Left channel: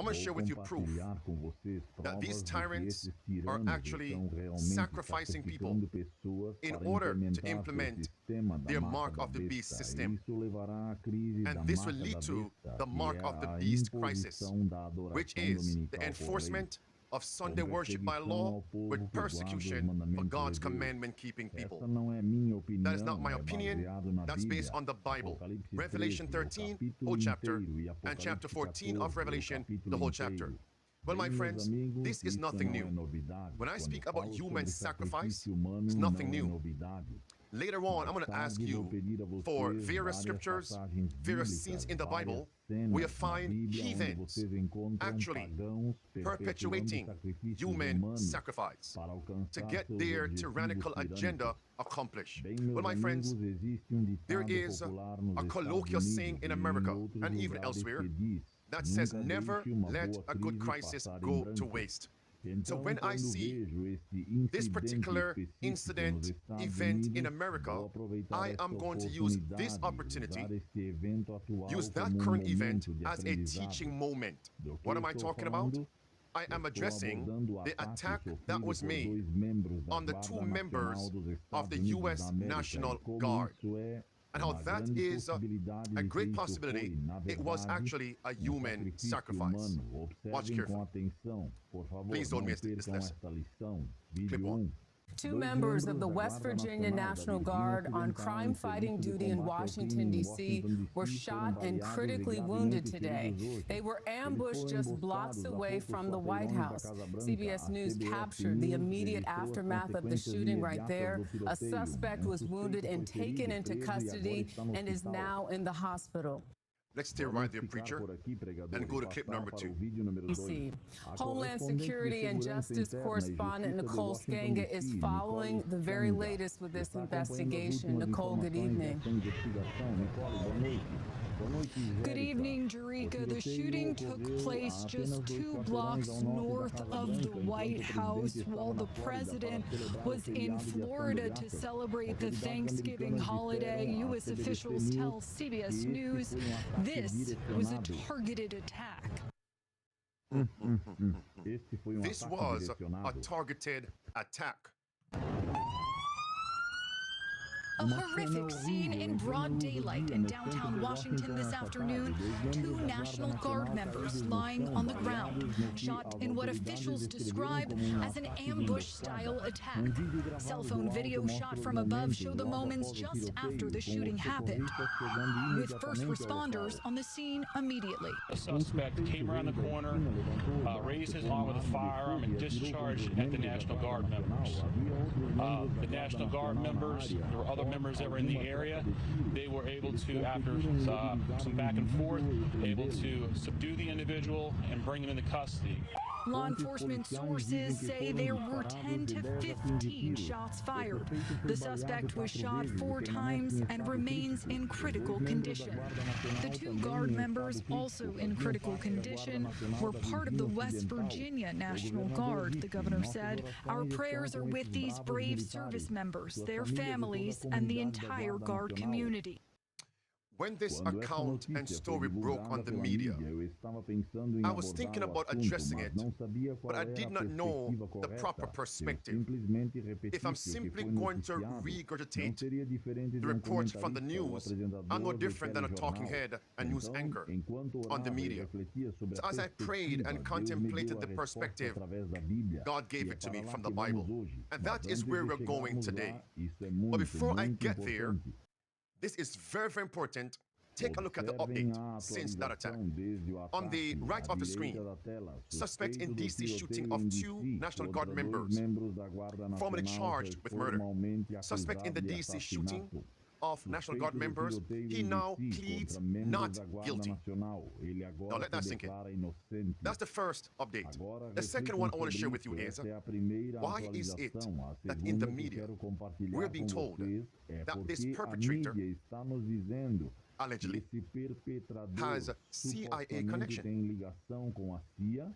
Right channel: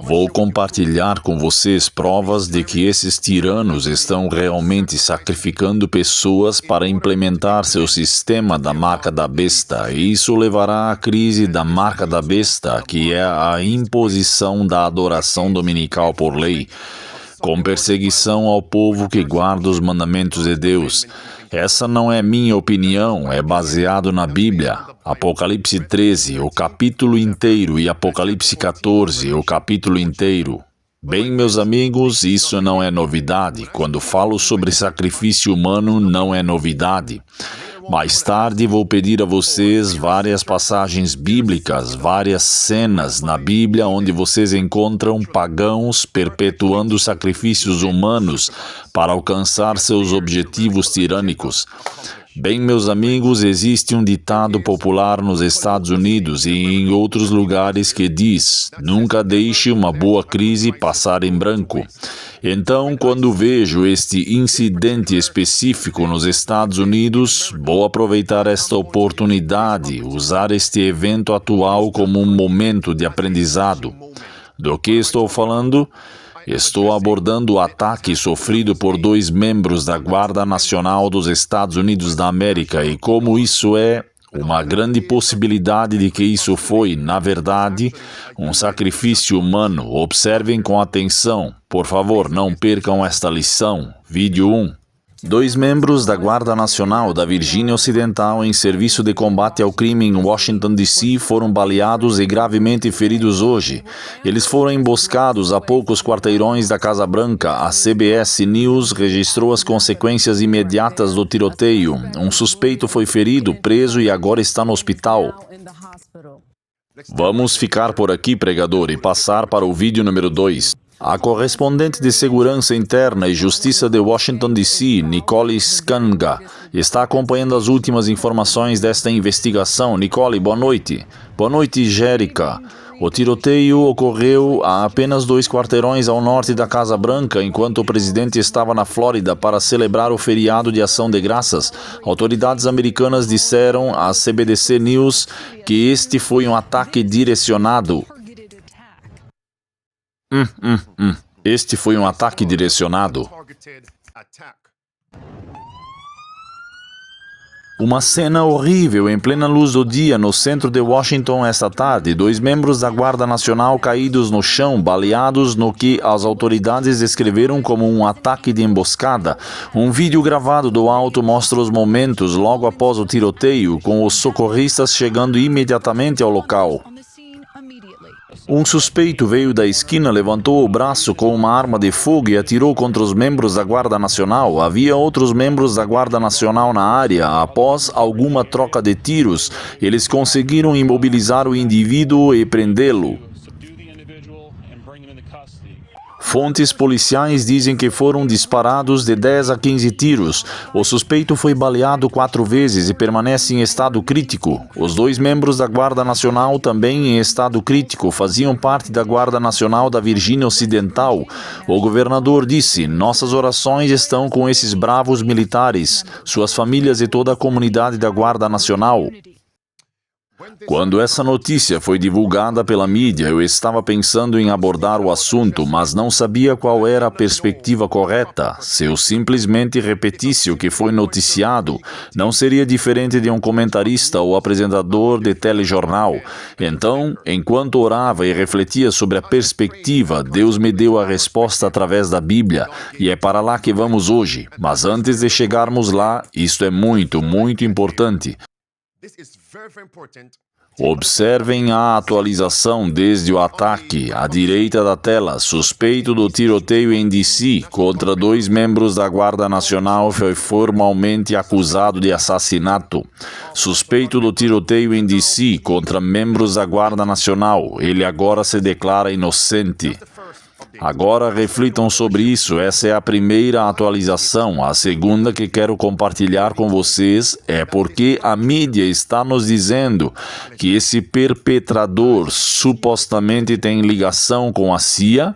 Vou compartilhar com vocês provas de que esses tiranos estão realmente sacrificando pessoas para implementar seu sistema da marca da besta. E isso levará à crise da marca da besta, que é a imposição da adoração dominical por lei, com perseguição ao povo que guarda os mandamentos de Deus. Essa não é minha opinião, é baseado na Bíblia. Apocalipse 13, o capítulo inteiro, e Apocalipse 14, o capítulo inteiro. Bem, meus amigos, isso não é novidade. Quando falo sobre sacrifício humano, não é novidade. Mais tarde vou pedir a vocês várias passagens bíblicas, várias cenas na Bíblia onde vocês encontram pagãos perpetuando sacrifícios humanos para alcançar seus objetivos tirânicos. Bem, meus amigos, existe um ditado popular nos Estados Unidos e em outros lugares que diz: nunca deixe uma boa crise passar em branco. Então, quando vejo este incidente específico nos Estados Unidos, vou aproveitar esta oportunidade, usar este evento atual como um momento de aprendizado. Do que estou falando? Estou abordando o ataque sofrido por 2 membros da Guarda Nacional dos Estados Unidos da América e como isso é uma grande possibilidade de que isso foi, na verdade, um sacrifício humano. Observem com atenção. Por favor, não percam esta lição. Vídeo 1. 2 membros da Guarda Nacional da Virgínia Ocidental em serviço de combate ao crime em Washington, D.C. foram baleados e gravemente feridos hoje. Eles foram emboscados a poucos quarteirões da Casa Branca. A CBS News registrou as consequências imediatas do tiroteio. Um suspeito foi ferido, preso e agora está no hospital. Vamos ficar por aqui, pregador, e passar para o vídeo número 2. A correspondente de Segurança Interna e Justiça de Washington, D.C., Nicole Skanga, está acompanhando as últimas informações desta investigação. Nicole, boa noite. Boa noite, Jérica. O tiroteio ocorreu a apenas 2 quarteirões ao norte da Casa Branca, enquanto o presidente estava na Flórida para celebrar o feriado de Ação de Graças. Autoridades americanas disseram à CBS News que este foi um ataque direcionado. Este foi um ataque direcionado. Uma cena horrível em plena luz do dia no centro de Washington esta tarde. 2 membros da Guarda Nacional caídos no chão, baleados no que as autoridades descreveram como um ataque de emboscada. Um vídeo gravado do alto mostra os momentos logo após o tiroteio, com os socorristas chegando imediatamente ao local. Um suspeito veio da esquina, levantou o braço com uma arma de fogo e atirou contra os membros da Guarda Nacional. Havia outros membros da Guarda Nacional na área. Após alguma troca de tiros, eles conseguiram imobilizar o indivíduo e prendê-lo. Fontes policiais dizem que foram disparados de 10 a 15 tiros. O suspeito foi baleado 4 vezes e permanece em estado crítico. Os 2 membros da Guarda Nacional, também em estado crítico, faziam parte da Guarda Nacional da Virgínia Ocidental. O governador disse: nossas orações estão com esses bravos militares, suas famílias e toda a comunidade da Guarda Nacional. Quando essa notícia foi divulgada pela mídia, eu estava pensando em abordar o assunto, mas não sabia qual era a perspectiva correta. Se eu simplesmente repetisse o que foi noticiado, não seria diferente de um comentarista ou apresentador de telejornal. Então, enquanto orava e refletia sobre a perspectiva, Deus me deu a resposta através da Bíblia, e é para lá que vamos hoje. Mas antes de chegarmos lá, isto é muito, muito importante. Observem a atualização desde o ataque. À direita da tela, suspeito do tiroteio em D.C. contra 2 membros da Guarda Nacional foi formalmente acusado de assassinato. Suspeito do tiroteio em D.C. contra membros da Guarda Nacional. Ele agora se declara inocente. Agora reflitam sobre isso. Essa é a primeira atualização. A segunda que quero compartilhar com vocês é porque a mídia está nos dizendo que esse perpetrador supostamente tem ligação com a CIA,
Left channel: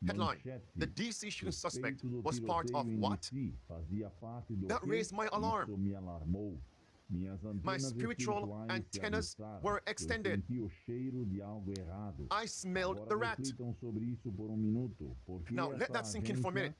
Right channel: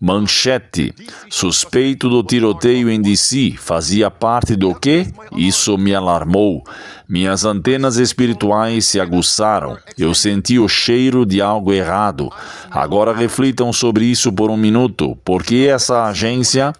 Manchete. Suspeito do tiroteio em DC. Fazia parte do quê? Isso me alarmou. Minhas antenas espirituais se aguçaram. Eu senti o cheiro de algo errado. Agora reflitam sobre isso por um minuto. Por que essa agência...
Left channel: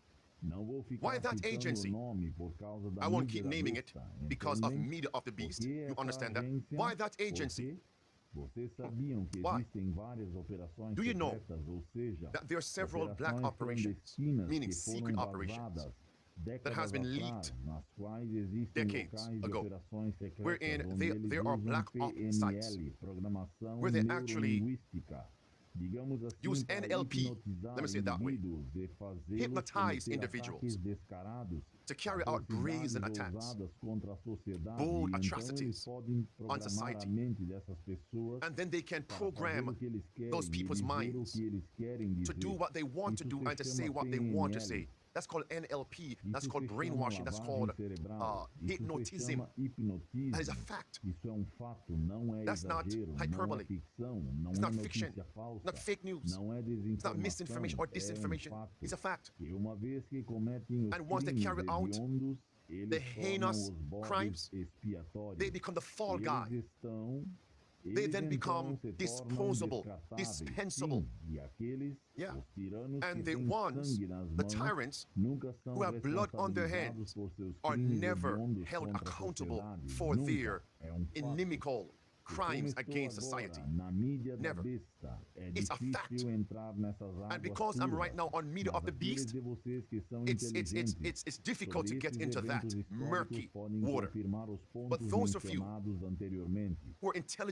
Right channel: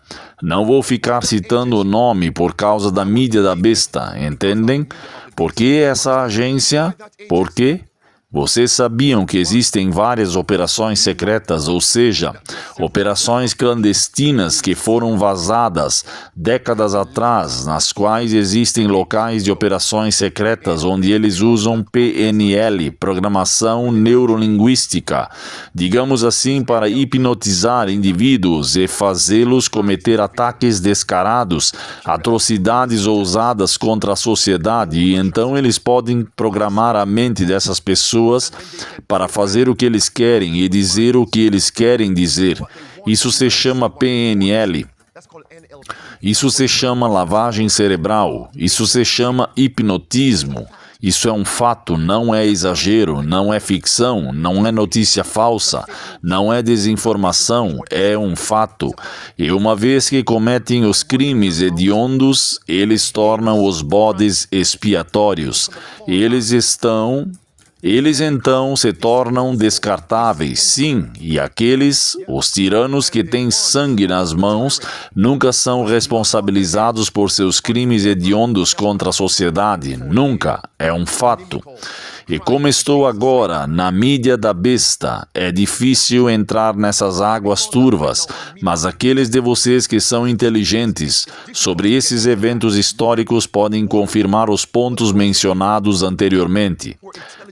Não vou ficar citando o nome por causa da mídia da besta, entendem? Por que essa agência? Por quê? Vocês sabiam que existem várias operações secretas, ou seja, operações clandestinas que foram vazadas décadas atrás, nas quais existem locais de operações secretas onde eles usam PNL, Programação Neurolinguística, digamos assim, para hipnotizar indivíduos e fazê-los cometer ataques descarados, atrocidades ousadas contra a sociedade, e então eles podem programar a mente dessas pessoas para fazer o que eles querem e dizer o que eles querem dizer. Isso se chama PNL. Isso se chama lavagem cerebral. Isso se chama hipnotismo. Isso é um fato, não é exagero, não é ficção, não é notícia falsa, não é desinformação, é um fato. E uma vez que cometem os crimes hediondos, eles tornam os bodes expiatórios. Eles então se tornam descartáveis, sim, e aqueles, os tiranos que têm sangue nas mãos, nunca são responsabilizados por seus crimes hediondos contra a sociedade, nunca, é um fato. E como estou agora na mídia da besta, é difícil entrar nessas águas turvas, mas aqueles de vocês que são inteligentes sobre esses eventos históricos podem confirmar os pontos mencionados anteriormente.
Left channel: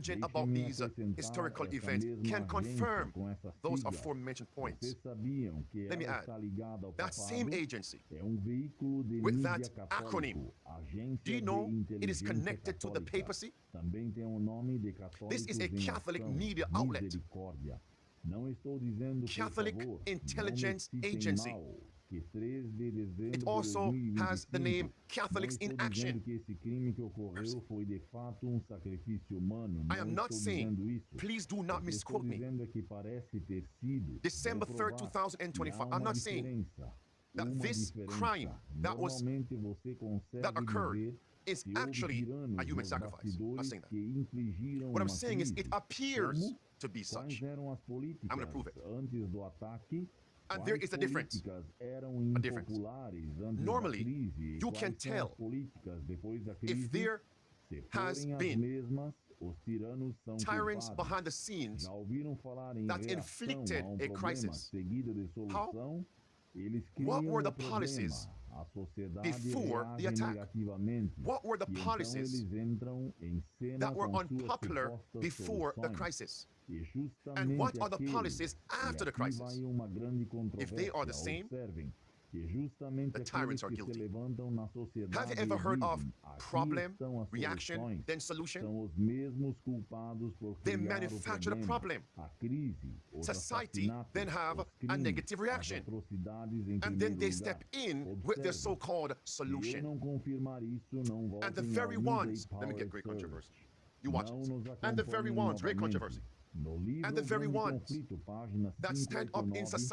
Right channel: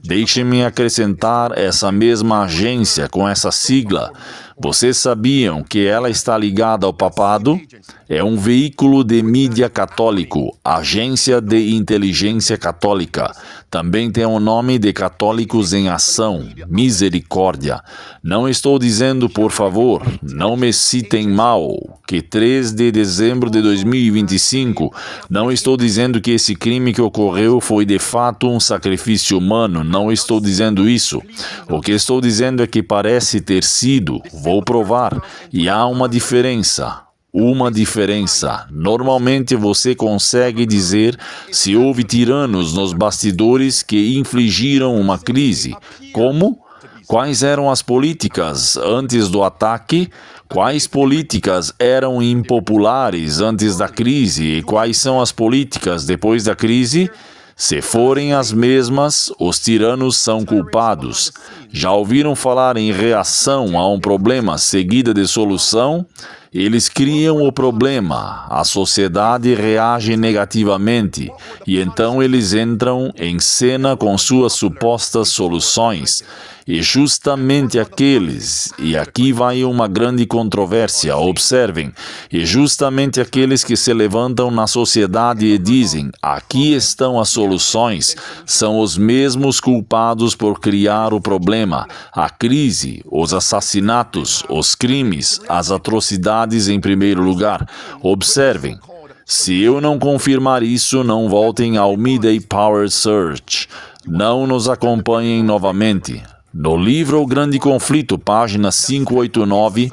Deixem-me acrescentar essa mesma agência com essa sigla. Vocês sabiam que ela está ligada ao papado? É um veículo de mídia católico, Agência de Inteligência Católica. Também tem o nome de Católicos em Ação, Misericórdia. Não estou dizendo, por favor, não me citem mal, que 3 de dezembro de 2025, não estou dizendo que esse crime que ocorreu foi de fato um sacrifício humano, não estou dizendo isso. O que estou dizendo é que parece ter sido, vou provar, e há uma diferença. Uma diferença. Normalmente você consegue dizer se houve tiranos nos bastidores que infligiram uma crise. Como? Quais eram as políticas antes do ataque? Quais políticas eram impopulares antes da crise? E quais são as políticas depois da crise? Se forem as mesmas, os tiranos são culpados. Já ouviram falar em reação a um problema seguida de solução? Eles criam o problema, a sociedade reage negativamente e então eles entram em cena com suas supostas soluções. E justamente aqueles, e aqui vai uma grande controvérsia, observem, e justamente aqueles que se levantam na sociedade e dizem, aqui estão as soluções, são os mesmos culpados por criar o problema, a crise, os assassinatos, os crimes, as atrocidades em primeiro lugar. Observem, se eu não confirmar isso, não voltem ao Midday Power Search, não nos acompanhem novamente. No livro O Grande Conflito, página 589,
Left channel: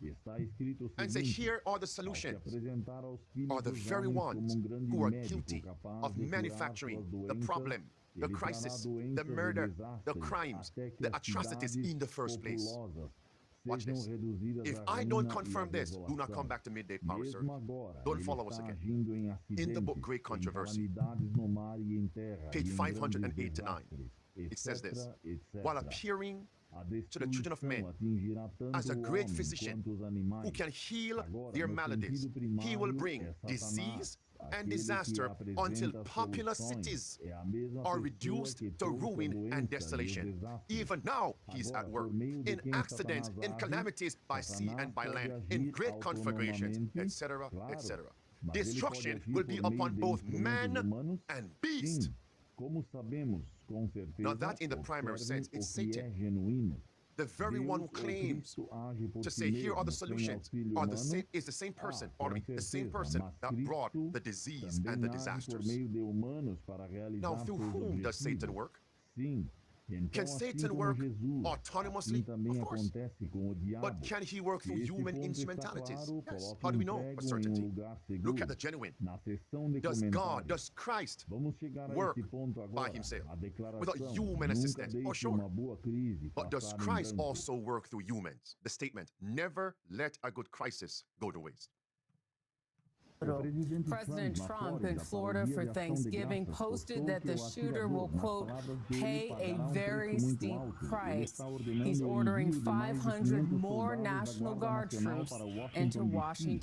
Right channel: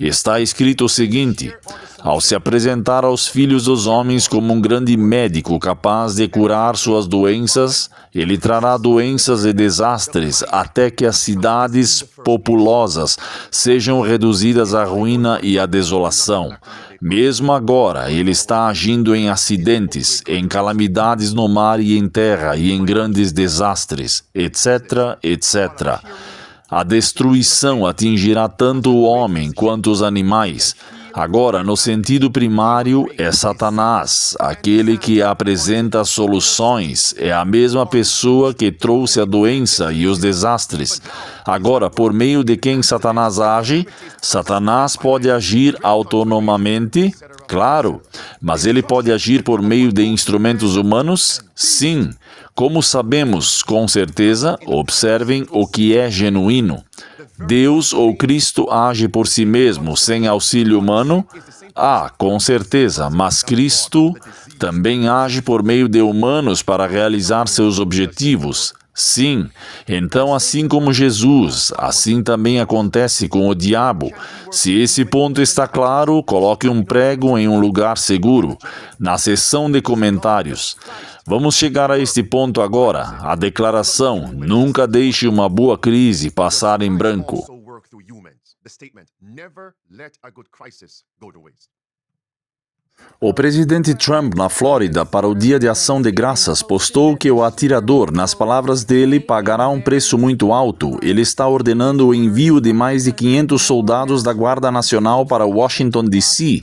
está escrito o seguinte: ao se apresentar aos filhos dos homens como um grande médico capaz de curar suas doenças, ele trará doenças e desastres até que as cidades populosas sejam reduzidas à ruína e à desolação. Mesmo agora, ele está agindo em acidentes, em calamidades no mar e em terra, e em grandes desastres, etc., etc. A destruição atingirá tanto o homem quanto os animais. Agora, no sentido primário, é Satanás, aquele que apresenta soluções, é a mesma pessoa que trouxe a doença e os desastres. Agora, por meio de quem Satanás age? Satanás pode agir autonomamente? Claro, mas ele pode agir por meio de instrumentos humanos? Sim. Como sabemos, com certeza, observem o que é genuíno. Deus ou Cristo age por si mesmo, sem auxílio humano? Ah, com certeza, mas Cristo também age por meio de humanos para realizar seus objetivos. Sim, então assim como Jesus, assim também acontece com o diabo. Se esse ponto está claro, coloque um prego em um lugar seguro, na seção de comentários. Vamos chegar a este ponto agora, a declaração: nunca deixe uma boa crise passar em branco. O presidente Trump, na Flórida, para o Dia de Ação de Graças, postou que o atirador, nas palavras dele, pagará um preço muito alto. Ele está ordenando o envio de mais de 500 soldados da Guarda Nacional para Washington, D.C.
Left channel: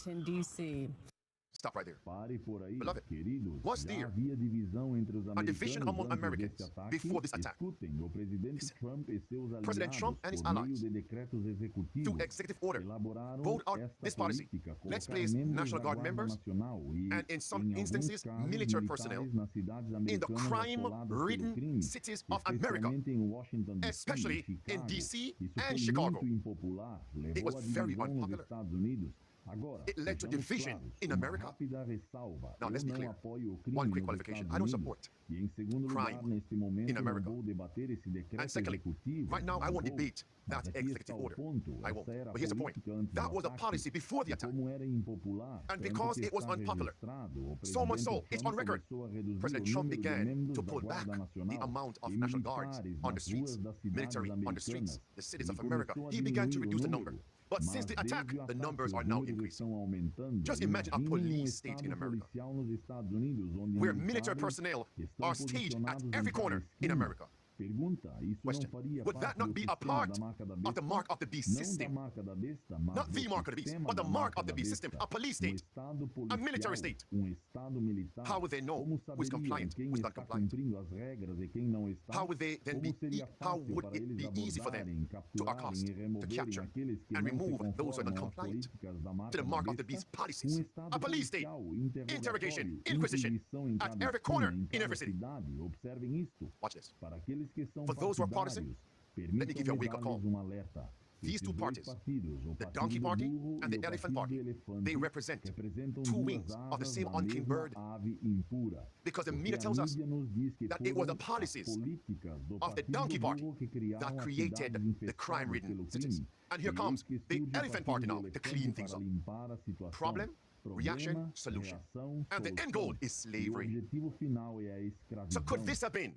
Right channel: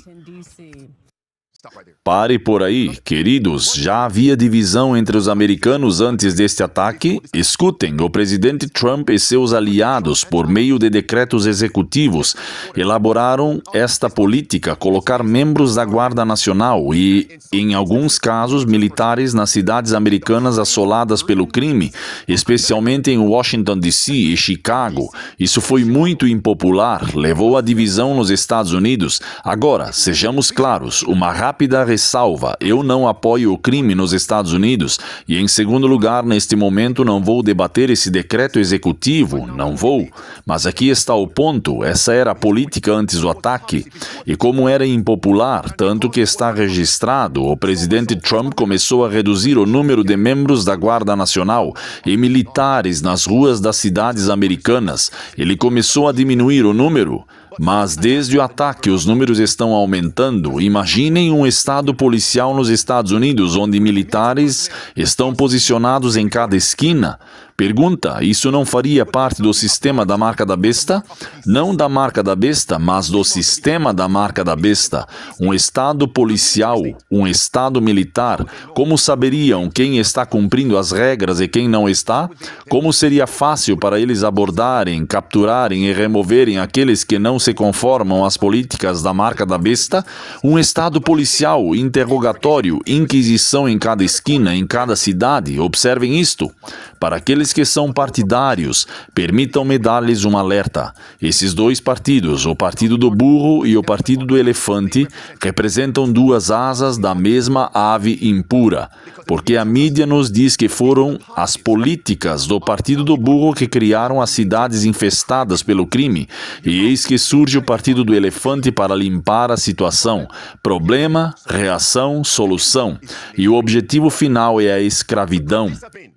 Pare por aí, queridos. Já havia divisão entre os americanos antes deste ataque? Escutem, o presidente Trump e seus aliados, por meio de decretos executivos, elaboraram esta política, colocar membros da Guarda Nacional e, em alguns casos, militares nas cidades americanas assoladas pelo crime, especialmente em Washington, D.C. e Chicago. Isso foi muito impopular, levou à divisão nos Estados Unidos. Agora, sejamos claros, uma rápida ressalva: eu não apoio o crime nos Estados Unidos e, em segundo lugar, neste momento não vou debater esse decreto executivo, não vou. Mas aqui está o ponto: essa era a política antes do ataque. E como era impopular, tanto que está registrado, o presidente Trump começou a reduzir o número de membros da Guarda Nacional e militares nas ruas das cidades americanas. Ele começou a diminuir o número. Mas desde o ataque os números estão aumentando. Imaginem um estado policial nos Estados Unidos onde militares estão posicionados em cada esquina. Pergunta: isso não faria parte do sistema da marca da besta? Não da marca da besta, mas do sistema da marca da besta. Um estado policial, um estado militar. Como saberiam quem está cumprindo as regras e quem não está? Como seria fácil para eles abordarem, capturarem e removerem aqueles que não se conformam às políticas da marca da besta? Um estado policial, interrogatório, inquisição em cada esquina, em cada cidade. Observem isto. Para aqueles que são partidários, permitam-me dar-lhes um alerta. Esses dois partidos, o Partido do Burro e o Partido do Elefante, representam duas asas da mesma ave impura, porque a mídia nos diz que foram as políticas do Partido do Burro que criaram as cidades infestadas pelo crime, e eis que surge o Partido do Elefante para limpar a situação. Problema, reação, solução. E o objetivo final é a escravidão.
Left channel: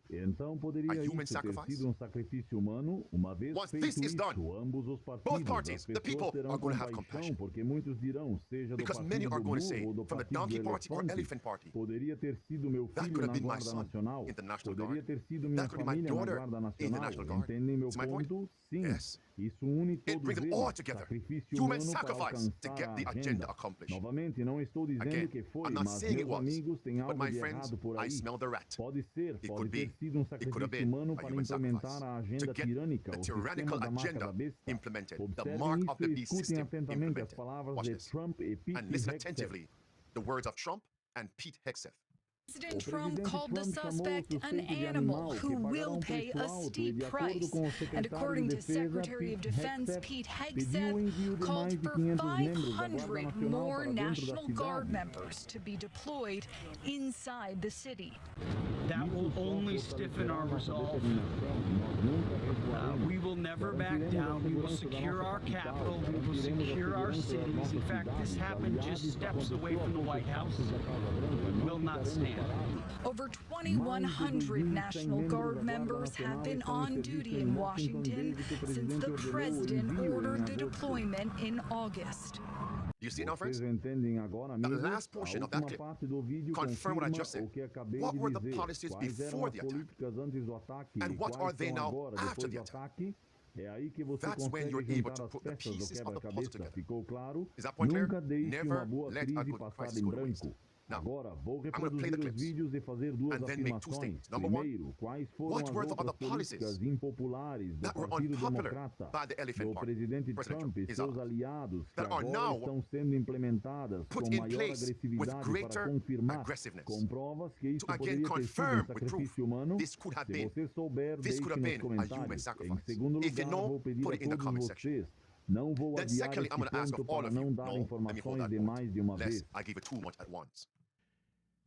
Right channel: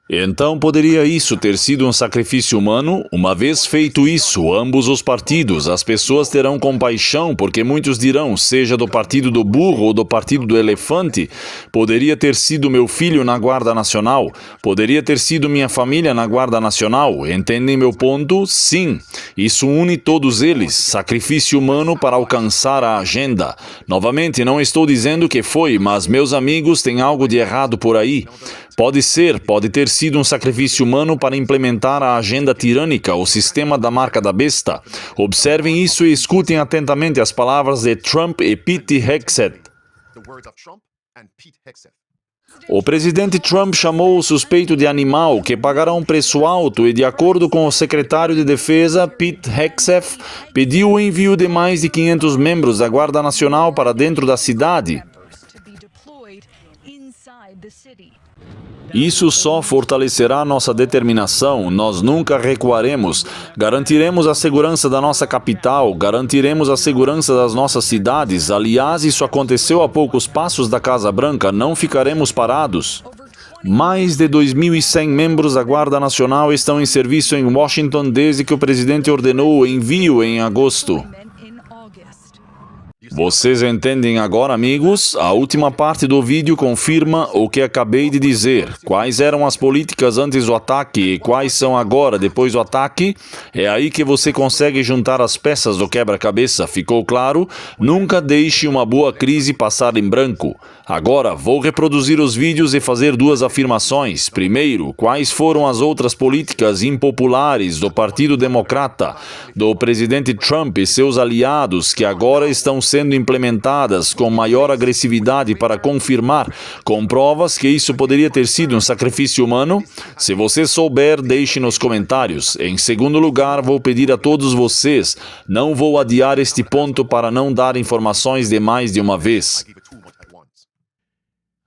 Então, poderia isso ter sido um sacrifício humano? Uma vez feito isso, ambos os partidos, as pessoas terão compaixão, porque muitos dirão, seja do Partido do Burro ou do Partido do Elefante, poderia ter sido meu filho na Guarda Nacional, poderia ter sido minha família na Guarda Nacional. Entendem meu ponto? Sim. Isso une todos eles, sacrifício humano para alcançar a agenda. Novamente, não estou dizendo que foi, mas meus amigos, tem algo de errado por aí. Pode ser, pode ter sido um sacrifício humano para implementar a agenda tirânica, o sistema da marca da besta. Observem isso e escutem atentamente as palavras de Trump e Pete Hegseth. O presidente Trump chamou o suspeito de animal, que pagará um preço alto, e, de acordo com o secretário de Defesa, Pete Hegseth, pediu o envio de mais de 500 membros da Guarda Nacional para dentro da cidade. Isso só fortalecerá nossa determinação. Nós nunca recuaremos. Garantiremos a segurança da nossa capital, garantiremos a segurança das nossas cidades. Aliás, isso aconteceu a poucos passos da Casa Branca. Não ficaremos parados. Mais de 2.100 membros da Guarda Nacional estão em serviço em Washington desde que o presidente ordenou o envio em agosto. Vocês entendem agora, amigos? A última parte do vídeo confirma o que acabei de dizer. Quais eram as políticas antes do ataque e quais são agora, depois do ataque? É aí que você consegue juntar as peças do quebra-cabeça. Ficou claro? Nunca deixe uma boa crise passar em branco. Agora, vou reproduzir os vídeos e fazer duas afirmações. Primeiro, quais foram as outras políticas impopulares do Partido Democrata, do presidente Trump e seus aliados que agora estão sendo implementadas com maior agressividade para confirmar, com provas, que isso poderia ter sido um sacrifício humano? Se você souber, deixe nos comentários. Em segundo lugar, vou pedir a todos vocês, não vou adiar este ponto para não dar informações demais de uma vez.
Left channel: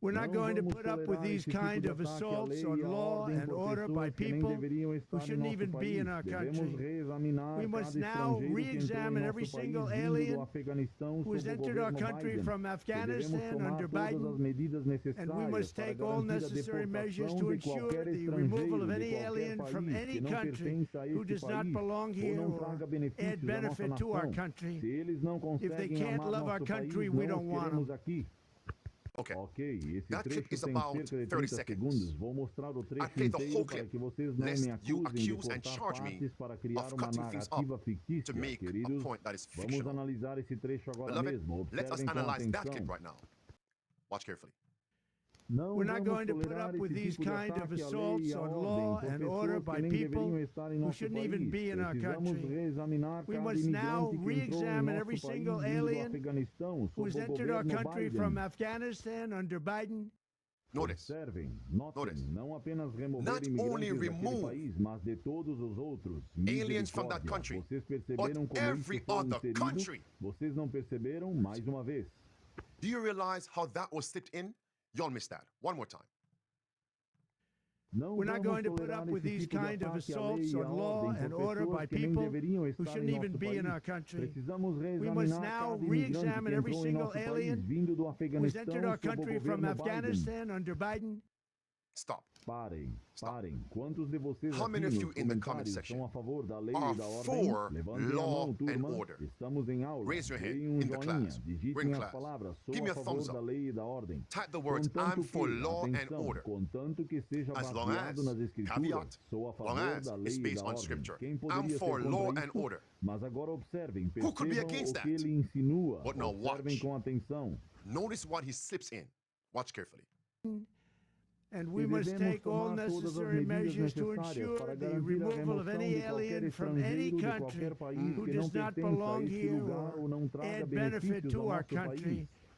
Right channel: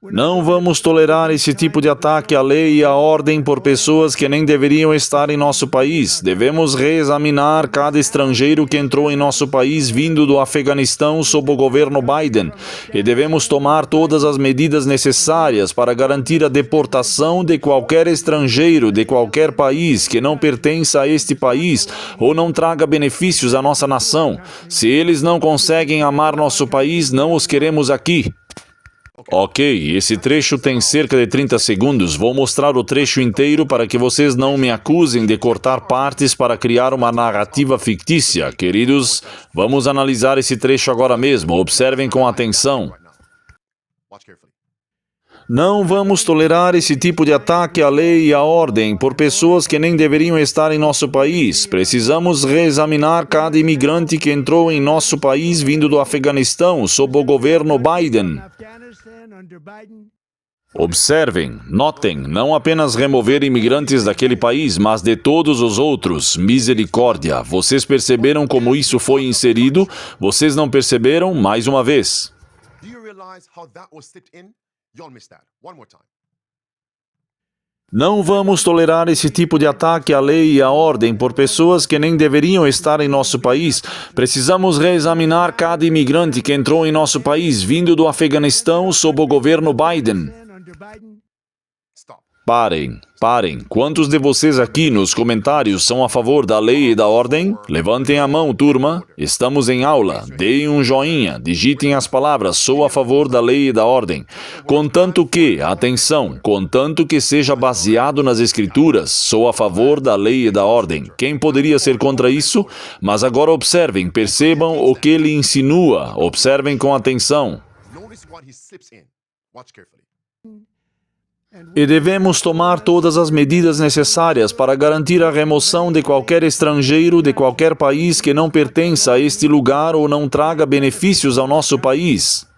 Não vamos tolerar esse tipo de ataque à lei e à ordem por pessoas que nem deveriam estar em nosso país. Devemos reexaminar cada estrangeiro que entrou em nosso país vindo do Afeganistão sob o governo Biden. E devemos tomar todas as medidas necessárias para garantir a deportação de qualquer estrangeiro de qualquer país que não pertença a este país ou não traga benefícios à nossa nação. Se eles não conseguem amar nosso país, não os queremos aqui. Ok, esse trecho tem cerca de 30 segundos. Vou mostrar o trecho inteiro para que vocês não me acusem de cortar partes para criar uma narrativa fictícia. Queridos, vamos analisar esse trecho agora mesmo. Observem com atenção. Não vamos tolerar esse tipo de ataque à lei e à ordem por pessoas que nem deveriam estar em nosso país. Precisamos reexaminar cada imigrante que entrou em nosso país vindo do Afeganistão sob o governo Biden. Observem, notem, não apenas remover imigrantes daquele país, mas de todos os outros. Misericórdia. Vocês perceberam como isso foi inserido? Vocês não perceberam? Mais uma vez. Não vamos tolerar esse tipo de ataque à lei e à ordem por pessoas que nem deveriam estar em nosso país. Precisamos reexaminar cada imigrante que entrou em nosso país vindo do Afeganistão sob o governo Biden. Parem. Quantos de vocês aqui nos comentários são a favor da lei e da ordem? Levantem a mão, turma. Estamos em aula. Deem um joinha. Digitem as palavras "sou a favor da lei e da ordem". Contanto que, atenção, contanto que seja baseado nas Escrituras, sou a favor da lei e da ordem. Quem poderia ser contra isso? Mas agora observem, percebam o que ele insinua. Observem com atenção. E devemos tomar todas as medidas necessárias para garantir a remoção de qualquer estrangeiro de qualquer país que não pertença a este lugar ou não traga benefícios ao nosso país.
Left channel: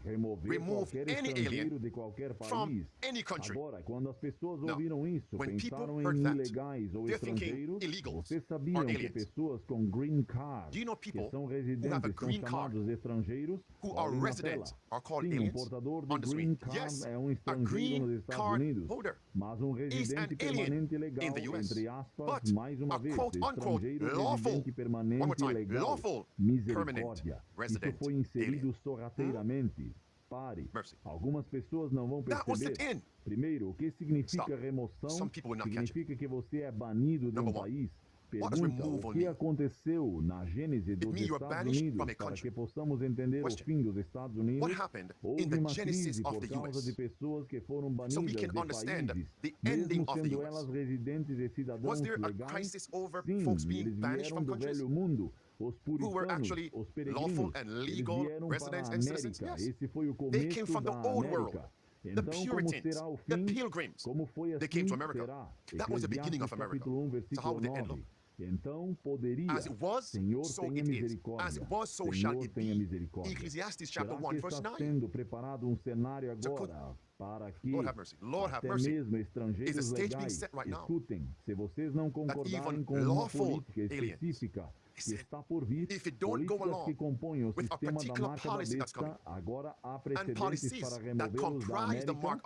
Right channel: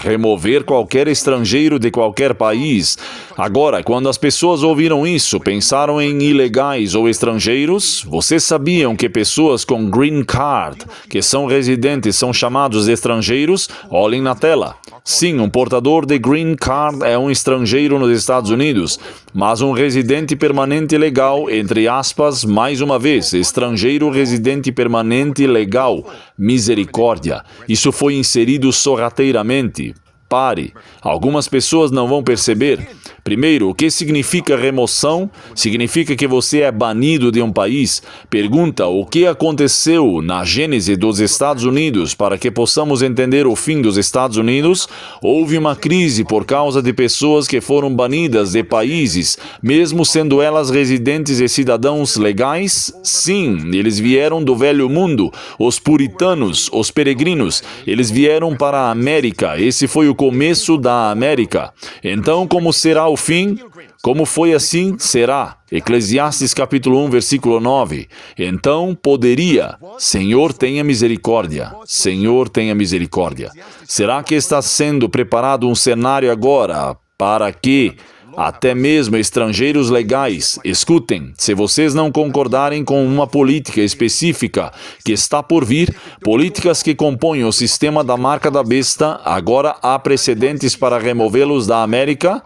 Remover qualquer estrangeiro de qualquer país. Agora, quando as pessoas ouviram isso, pensaram em ilegais ou estrangeiros? Vocês sabiam que pessoas com green card, que são residentes, são chamados de estrangeiros? Olhem na tela. Sim, um portador de green card é um estrangeiro nos Estados Unidos, mas um residente permanente legal, entre aspas, mais uma vez, estrangeiro residente permanente legal. Misericórdia. Isso foi inserido sorrateiramente. Pare. Algumas pessoas não vão perceber. Primeiro, o que significa remoção? Significa que você é banido de um país. Pergunta o que aconteceu na gênese dos Estados Unidos para que possamos entender o fim dos Estados Unidos. Houve uma crise por causa de pessoas que foram banidas de países, mesmo sendo elas residentes e cidadãos legais? Sim, eles vieram do velho mundo. Os puritanos, os peregrinos, eles vieram para a América. Esse foi o começo da América. Então, como será o fim? Como foi assim, será. Eclesiastes capítulo 1, versículo 9. Então, poderia. Senhor, tenha misericórdia. Senhor, tenha misericórdia. Será que está sendo preparado um cenário agora para que até mesmo estrangeiros legais, escutem, se vocês não concordarem com uma política específica que está por vir, políticas que compõem o sistema da marca da besta, agora há precedentes para removê-los da América?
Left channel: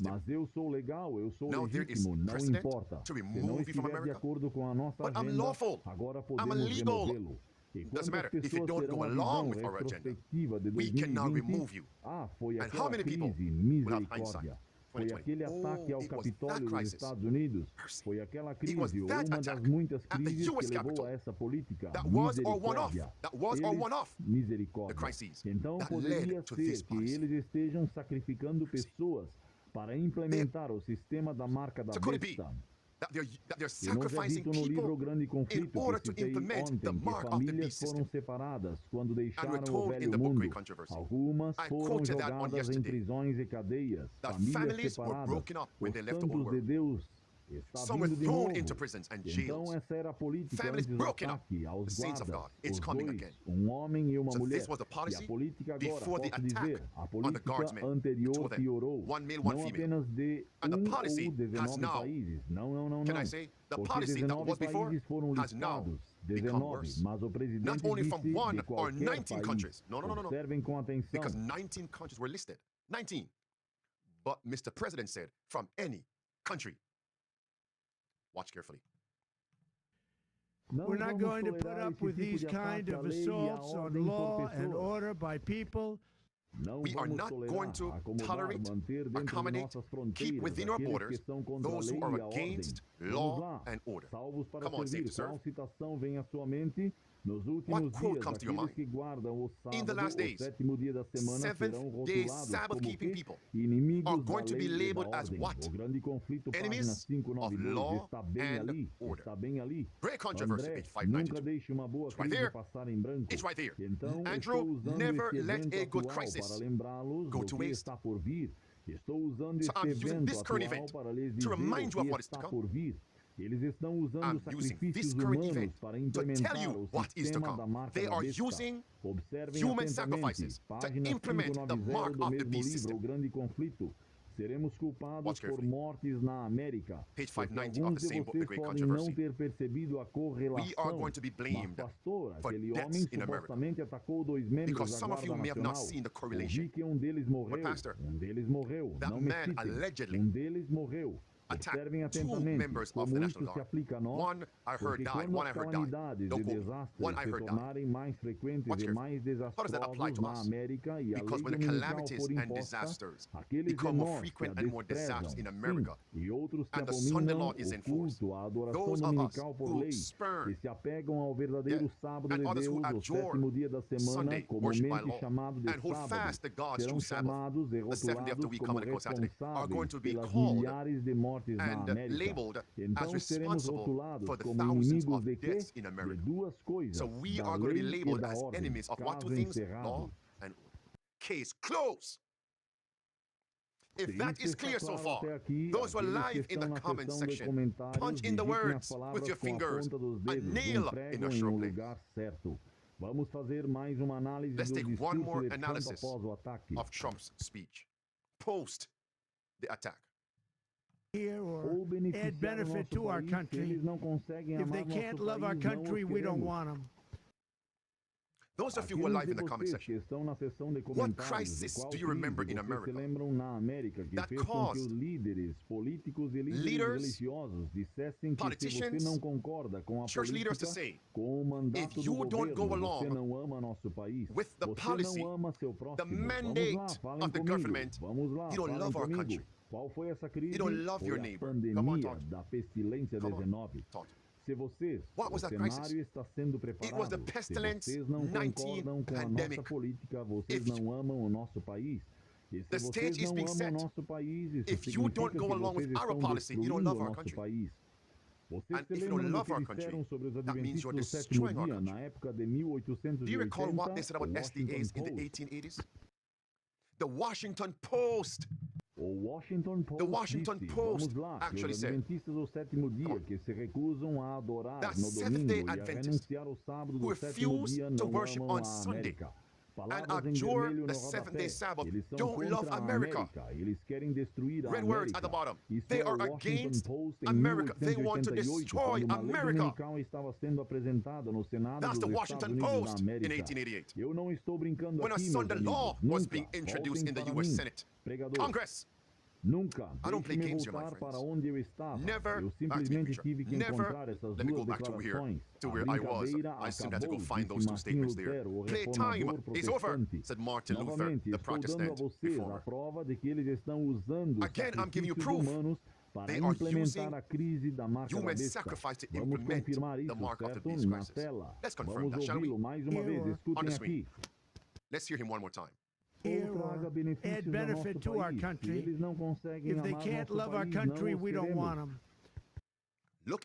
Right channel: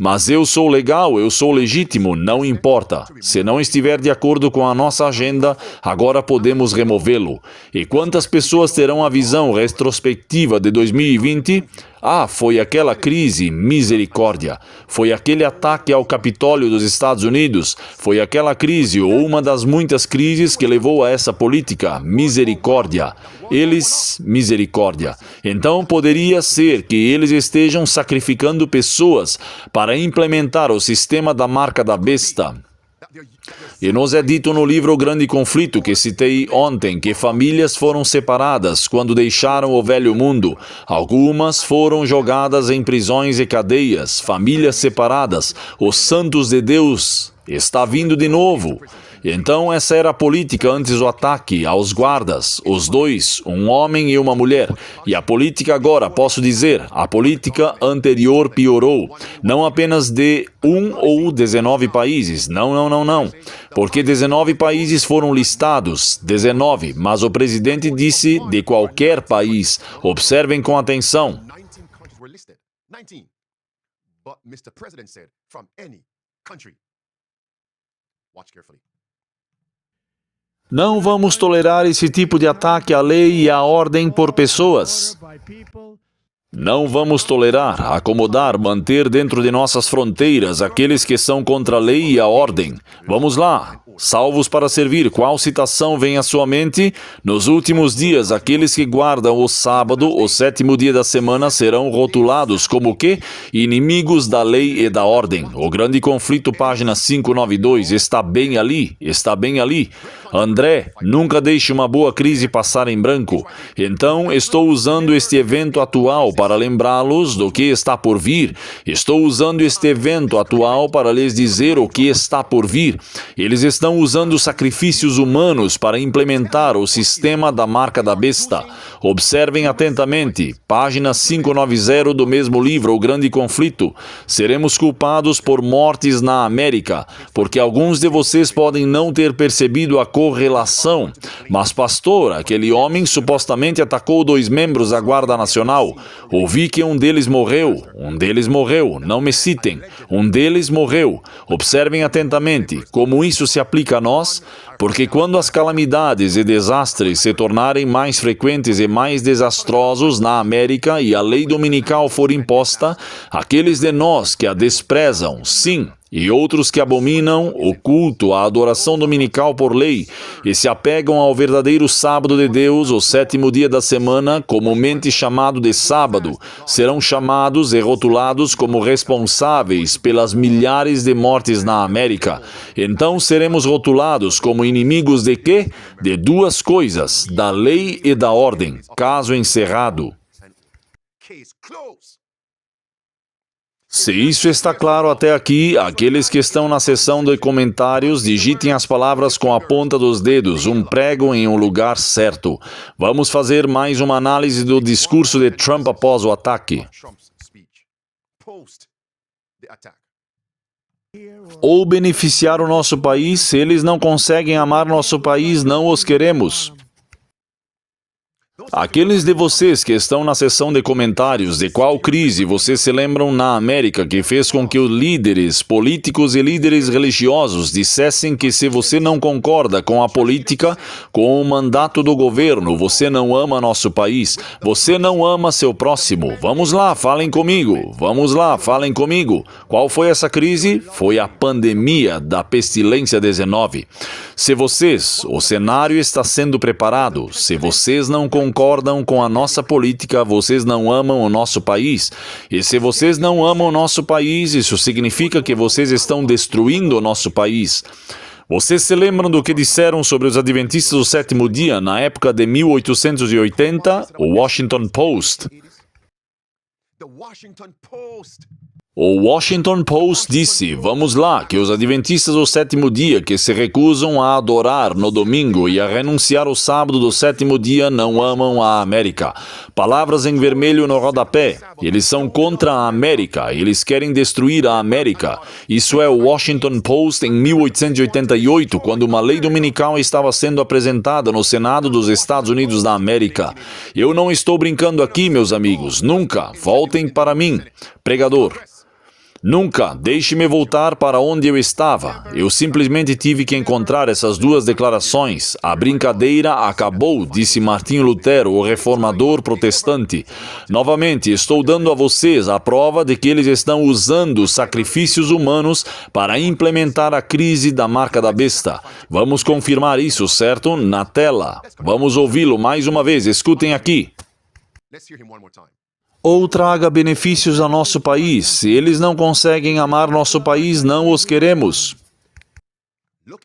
Mas eu sou legal, eu sou legítimo, não importa. Se não estiver de acordo com a nossa agenda, agora podemos removê-lo. E quantas pessoas terão a visão retrospectiva de 2020? Foi aquela crise, misericórdia. Foi aquele ataque ao Capitólio dos Estados Unidos. Foi aquela crise, ou uma das muitas crises que levou a essa política, misericórdia. Eles, misericórdia. Então, poderia ser que eles estejam sacrificando pessoas para implementar o sistema da marca da besta. E nos é dito no livro O Grande Conflito, que citei ontem, que famílias foram separadas quando deixaram o velho mundo. Algumas foram jogadas em prisões e cadeias, famílias separadas. Os santos de Deus está vindo de novo. Então, essa era a política antes do ataque aos guardas, os dois, um homem e uma mulher. E a política agora, posso dizer, a política anterior piorou. Não apenas de 1 ou 19 países. Não. Porque 19 países foram listados, 19, mas o presidente disse de qualquer país. Observem com atenção. 19. But Mr. President said, from any country. Watch carefully. Não vamos tolerar esse tipo de ataque à lei e à ordem por pessoas. Não vamos tolerar, acomodar, manter dentro de nossas fronteiras aqueles que são contra a lei e a ordem. Vamos lá. Salvos para servir. Qual citação vem à sua mente? Nos últimos dias, aqueles que guardam o sábado, o sétimo dia da semana, serão rotulados como o quê? Inimigos da lei e da ordem. O grande conflito, página 592, está bem ali. Está bem ali. André, nunca deixe uma boa crise passar em branco. Então, estou usando este evento atual para lembrá-los do que está por vir. Estou usando este evento atual para lhes dizer o que está por vir. Eles estão usando sacrifícios humanos para implementar o sistema da marca da besta. Observem atentamente, página 590 do mesmo livro, O Grande Conflito. Seremos culpados por mortes na América, porque alguns de vocês podem não ter percebido a correlação. Mas, pastor, aquele homem supostamente atacou 2 membros da Guarda Nacional. Ouvi que um deles morreu. Um deles morreu. Não me citem. Um deles morreu. Observem atentamente como isso se aplica a nós, porque quando as calamidades e desastres se tornarem mais frequentes e mais desastrosos na América e a lei dominical for imposta, aqueles de nós que a desprezam, sim, e outros que abominam o culto, a adoração dominical por lei, e se apegam ao verdadeiro sábado de Deus, o sétimo dia da semana, comumente chamado de sábado, serão chamados e rotulados como responsáveis pelas milhares de mortes na América. Então seremos rotulados como inimigos de quê? De 2 coisas, da lei e da ordem. Caso encerrado. Se isso está claro até aqui, aqueles que estão na seção de comentários, digitem as palavras com a ponta dos dedos, um prego em um lugar certo. Vamos fazer mais uma análise do discurso de Trump após o ataque. Ou beneficiar o nosso país, se eles não conseguem amar nosso país, não os queremos. Aqueles de vocês que estão na seção de comentários de qual crise vocês se lembram na América que fez com que os líderes políticos e líderes religiosos dissessem que se você não concorda com a política, com o mandato do governo, você não ama nosso país, você não ama seu próximo. Vamos lá, falem comigo. Vamos lá, falem comigo. Qual foi essa crise? Foi a pandemia da pestilência 19. Se vocês, o cenário está sendo preparado, se vocês não concordam com a nossa política, vocês não amam o nosso país. E se vocês não amam o nosso país, isso significa que vocês estão destruindo o nosso país. Vocês se lembram do que disseram sobre os adventistas do sétimo dia na época de 1880? O Washington Post. O Washington Post disse, vamos lá, que os adventistas do sétimo dia que se recusam a adorar no domingo e a renunciar ao sábado do sétimo dia não amam a América. Palavras em vermelho no rodapé. Eles são contra a América. Eles querem destruir a América. Isso é o Washington Post em 1888, quando uma lei dominical estava sendo apresentada no Senado dos Estados Unidos da América. Eu não estou brincando aqui, meus amigos. Nunca. Voltem para mim. Pregador. Nunca. Deixe-me voltar para onde eu estava. Eu simplesmente tive que encontrar essas 2 declarações. A brincadeira acabou, disse Martinho Lutero, o reformador protestante. Novamente, estou dando a vocês a prova de que eles estão usando sacrifícios humanos para implementar a crise da marca da besta. Vamos confirmar isso, certo? Na tela. Vamos ouvi-lo mais uma vez. Escutem aqui. Ou traga benefícios a nosso país. Se eles não conseguem amar nosso país, não os queremos.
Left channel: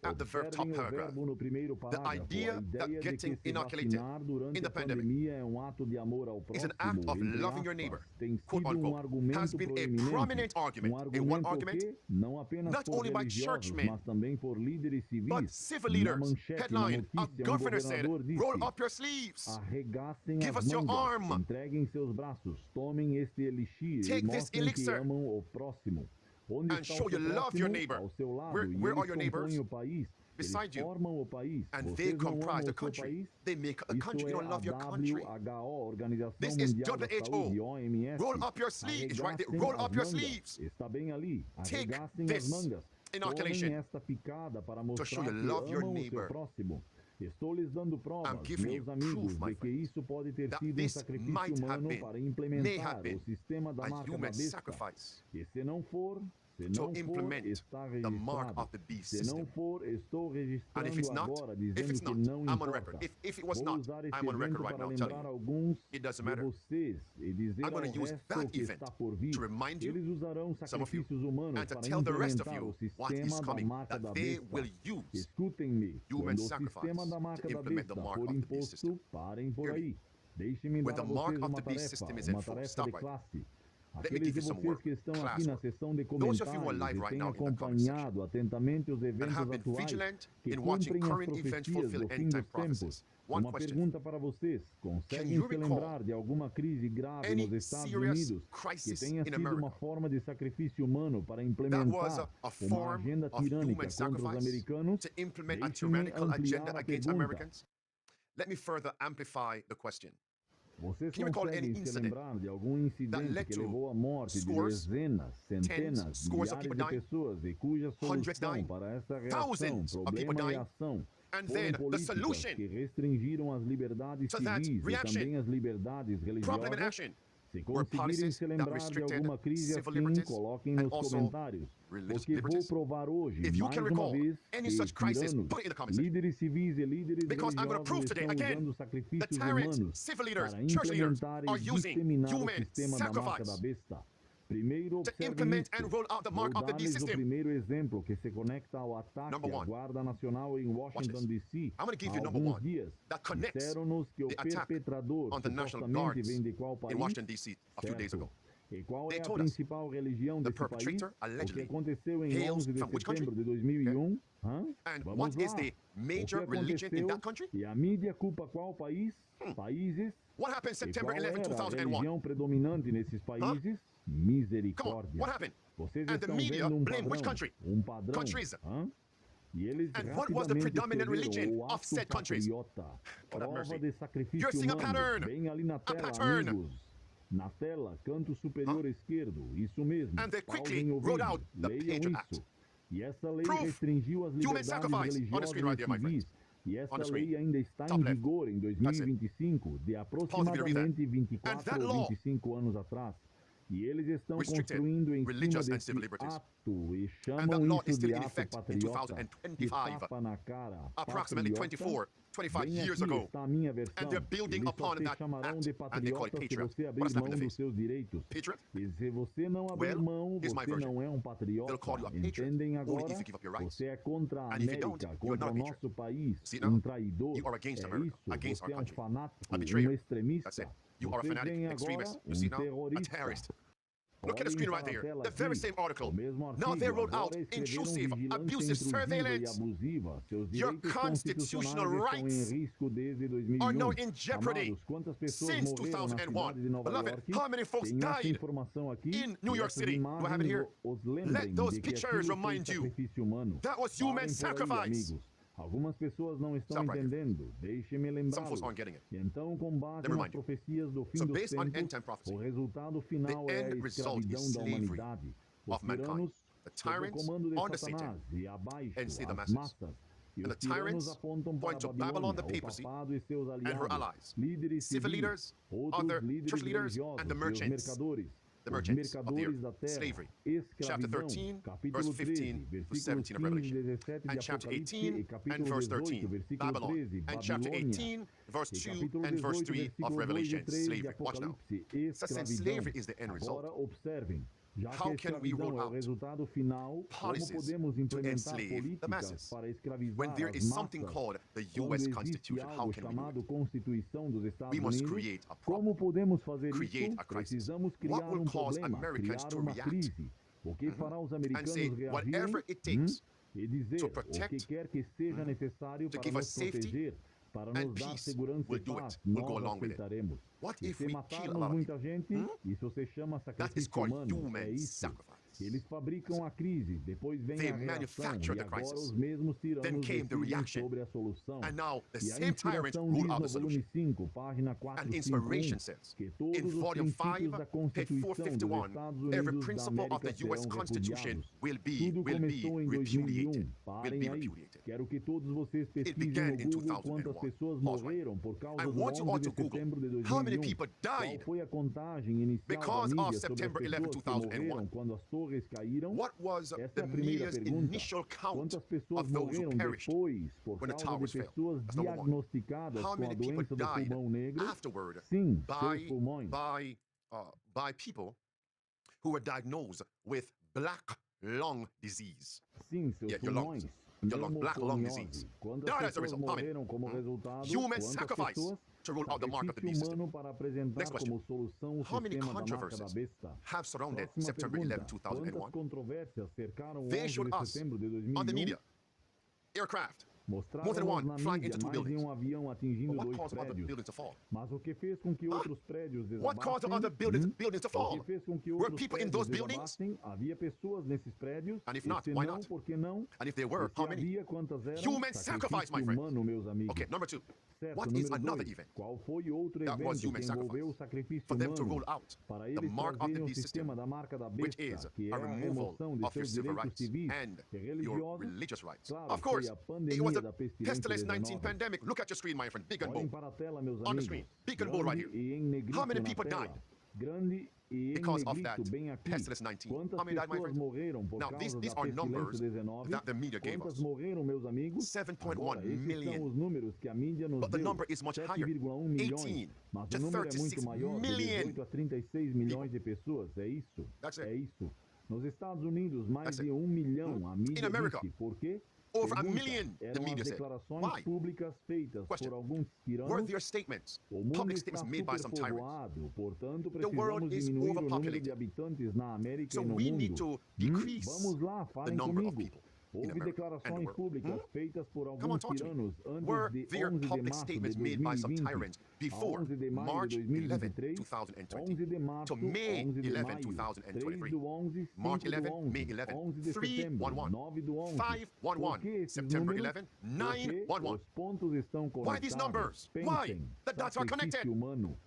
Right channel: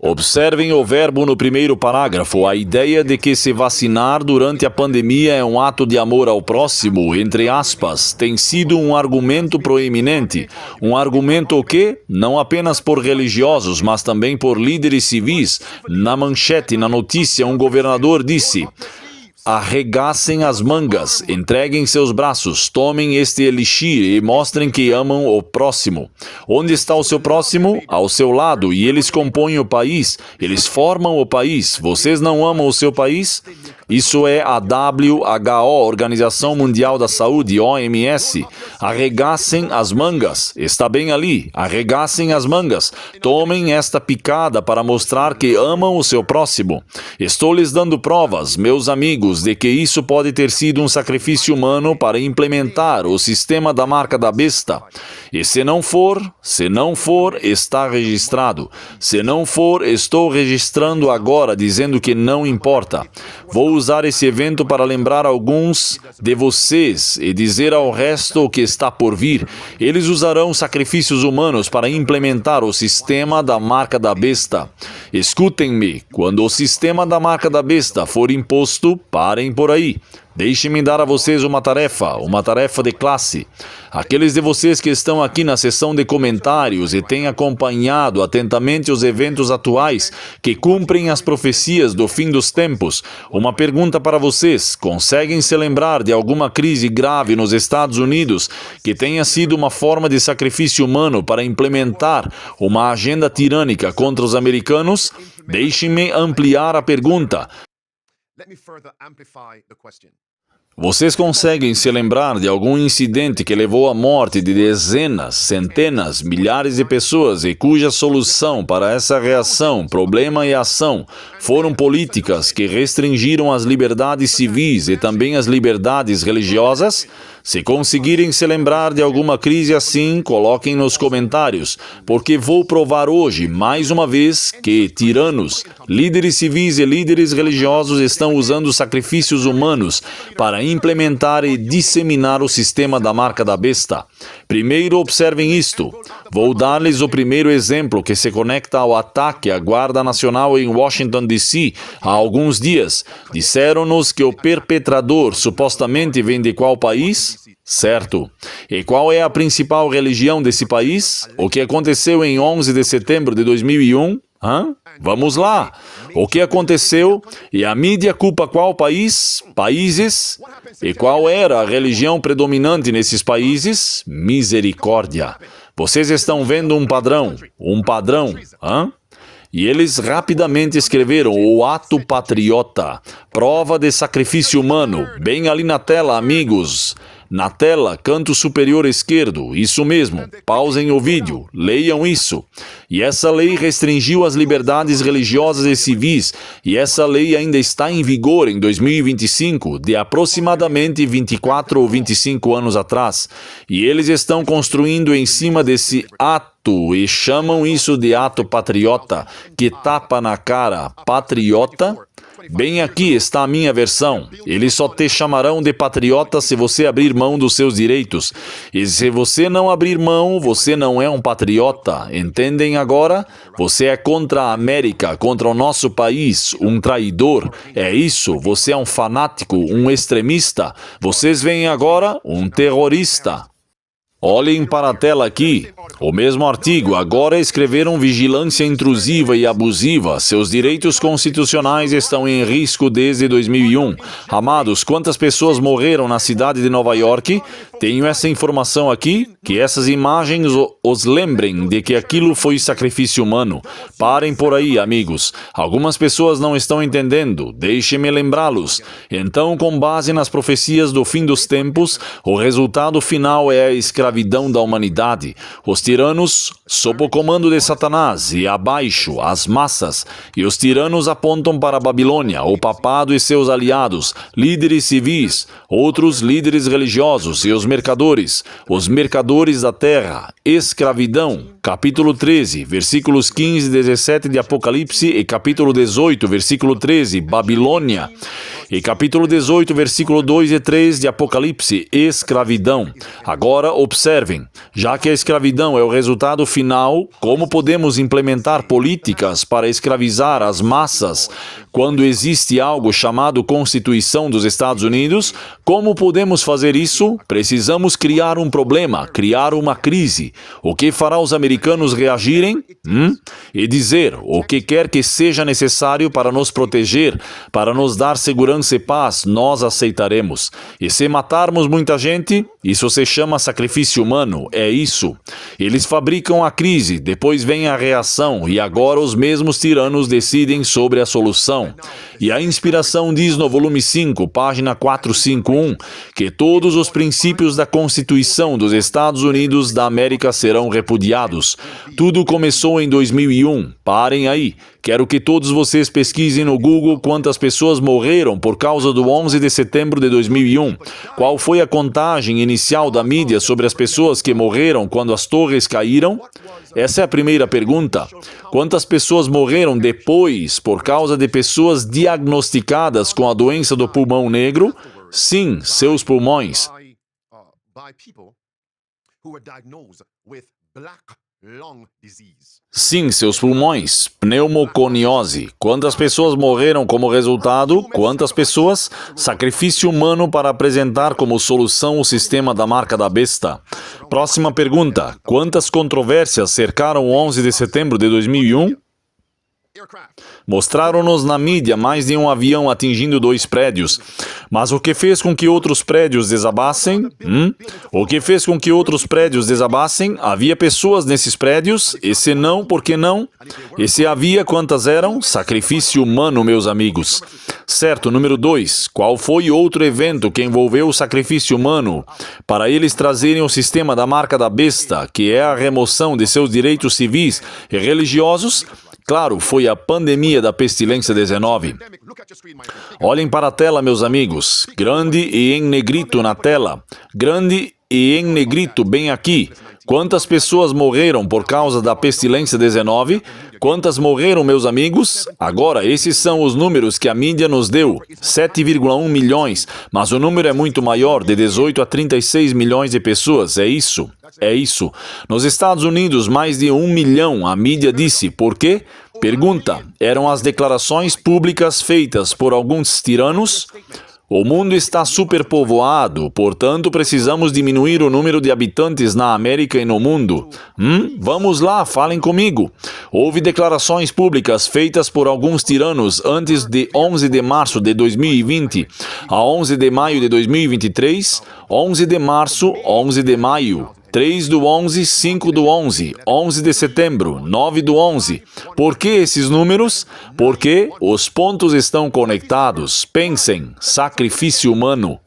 Observem o verbo no primeiro parágrafo. A ideia de que se vacinar durante a pandemia é um ato de amor ao próximo, entre aspas, tem sido um argumento proeminente. Um argumento o quê? Não apenas por religiosos, mas também por líderes civis. Na manchete, na notícia, um governador disse: arregassem as mangas, entreguem seus braços, tomem este elixir e mostrem que amam o próximo. Onde está o seu próximo? Ao seu lado, e eles compõem o país, eles formam o país. Vocês não amam o seu país? Isso é a WHO, Organização Mundial da Saúde, OMS. Arregassem as mangas. Está bem ali. Arregassem as mangas. Tomem esta picada para mostrar que amam o seu próximo. Estou lhes dando provas, meus amigos, de que isso pode ter sido um sacrifício humano para implementar o sistema da marca da besta. E se não for, está registrado. Se não for, estou registrando agora, dizendo que não importa. Vou usar esse evento para lembrar alguns de vocês e dizer ao resto o que está por vir. Eles usarão sacrifícios humanos para implementar o sistema da marca da besta. Escutem-me, quando o sistema da marca da besta for imposto, parem por aí. Deixem-me dar a vocês uma tarefa de classe. Aqueles de vocês que estão aqui na seção de comentários e têm acompanhado atentamente os eventos atuais que cumprem as profecias do fim dos tempos, uma pergunta para vocês: conseguem se lembrar de alguma crise grave nos Estados Unidos que tenha sido uma forma de sacrifício humano para implementar uma agenda tirânica contra os americanos? Deixem-me ampliar a pergunta. Vocês conseguem se lembrar de algum incidente que levou à morte de dezenas, centenas, milhares de pessoas e cuja solução para essa reação, problema e ação foram políticas que restringiram as liberdades civis e também as liberdades religiosas? Se conseguirem se lembrar de alguma crise assim, coloquem nos comentários, porque vou provar hoje, mais uma vez, que tiranos, líderes civis e líderes religiosos estão usando sacrifícios humanos para implementar e disseminar o sistema da marca da besta. Primeiro, observem isto. Vou dar-lhes o primeiro exemplo que se conecta ao ataque à Guarda Nacional em Washington, D.C. há alguns dias. Disseram-nos que o perpetrador supostamente vem de qual país? Certo. E qual é a principal religião desse país? O que aconteceu em 11 de setembro de 2001? Vamos lá. O que aconteceu? E a mídia culpa qual país? Países? E qual era a religião predominante nesses países? Misericórdia. Vocês estão vendo um padrão? E eles rapidamente escreveram o ato patriota, prova de sacrifício humano, bem ali na tela, amigos. Na tela, canto superior esquerdo, isso mesmo, pausem o vídeo, leiam isso. E essa lei restringiu as liberdades religiosas e civis, e essa lei ainda está em vigor em 2025, de aproximadamente 24 ou 25 anos atrás. E eles estão construindo em cima desse ato e chamam isso de ato patriota, que tapa na cara. Patriota? Bem, aqui está a minha versão. Eles só te chamarão de patriota se você abrir mão dos seus direitos. E se você não abrir mão, você não é um patriota. Entendem agora? Você é contra a América, contra o nosso país, um traidor. É isso, você é um fanático, um extremista. Vocês veem agora um terrorista. Olhem para a tela aqui. O mesmo artigo. Agora escreveram vigilância intrusiva e abusiva. Seus direitos constitucionais estão em risco desde 2001. Amados, quantas pessoas morreram na cidade de Nova York? Tenho essa informação aqui. Que essas imagens os lembrem de que aquilo foi sacrifício humano. Parem por aí, amigos. Algumas pessoas não estão entendendo. Deixem-me lembrá-los. Então, com base nas profecias do fim dos tempos, o resultado final é a escravidão da humanidade. Os tiranos, sob o comando de Satanás, e abaixo, as massas. E os tiranos apontam para a Babilônia, o papado e seus aliados, líderes civis, outros líderes religiosos e os mercadores da terra. Escravidão. Capítulo 13, versículos 15 e 17 de Apocalipse e capítulo 18, versículo 13, Babilônia. E capítulo 18, versículo 2 e 3 de Apocalipse, escravidão. Agora observem, já que a escravidão é o resultado final, como podemos implementar políticas para escravizar as massas quando existe algo chamado Constituição dos Estados Unidos? Como podemos fazer isso? Precisamos criar um problema, criar uma crise. O que fará os americanos reagirem? E dizer o que quer que seja necessário para nos proteger, para nos dar segurança segurança e paz, nós aceitaremos. E se matarmos muita gente, isso se chama sacrifício humano, é isso. Eles fabricam a crise, depois vem a reação, e agora os mesmos tiranos decidem sobre a solução. E a inspiração diz no volume 5, página 451, que todos os princípios da Constituição dos Estados Unidos da América serão repudiados. Tudo começou em 2001. Parem aí. Quero que todos vocês pesquisem no Google quantas pessoas morreram por causa do 11 de setembro de 2001. Qual foi a contagem inicial da mídia sobre as pessoas que morreram quando as torres caíram? Essa é a primeira pergunta. Quantas pessoas morreram depois por causa de pessoas diagnosticadas com a doença do pulmão negro? Sim, seus pulmões. Sim, seus pulmões. Pneumoconiose. Quantas pessoas morreram como resultado? Quantas pessoas? Sacrifício humano para apresentar como solução o sistema da marca da besta. Próxima pergunta. Quantas controvérsias cercaram o 11 de setembro de 2001? Mostraram-nos na mídia mais de um avião atingindo 2 prédios. Mas o que fez com que outros prédios desabassem? O que fez com que outros prédios desabassem? Havia pessoas nesses prédios? E se não, por que não? E se havia, quantas eram? Sacrifício humano, meus amigos. Certo, número 2. Qual foi outro evento que envolveu o sacrifício humano para eles trazerem o sistema da marca da besta, que é a remoção de seus direitos civis e religiosos? Claro, foi a pandemia da pestilência 19. Olhem para a tela, meus amigos. Grande e em negrito na tela. Grande e em negrito bem aqui. Quantas pessoas morreram por causa da pestilência 19? Quantas morreram, meus amigos? Agora, esses são os números que a mídia nos deu. 7,1 milhões. Mas o número é muito maior, de 18 a 36 milhões de pessoas. É isso. É isso. Nos Estados Unidos, mais de 1 milhão, a mídia disse. Por quê? Pergunta. Eram as declarações públicas feitas por alguns tiranos? O mundo está superpovoado, portanto precisamos diminuir o número de habitantes na América e no mundo. Vamos lá, falem comigo. Houve declarações públicas feitas por alguns tiranos antes de 11 de março de 2020 a 11 de maio de 2023, 11 de março, 11 de maio, 3 do 11, 5 do 11, 11 de setembro, 9 do 11. Por que esses números? Porque os pontos estão conectados. Pensem, sacrifício humano.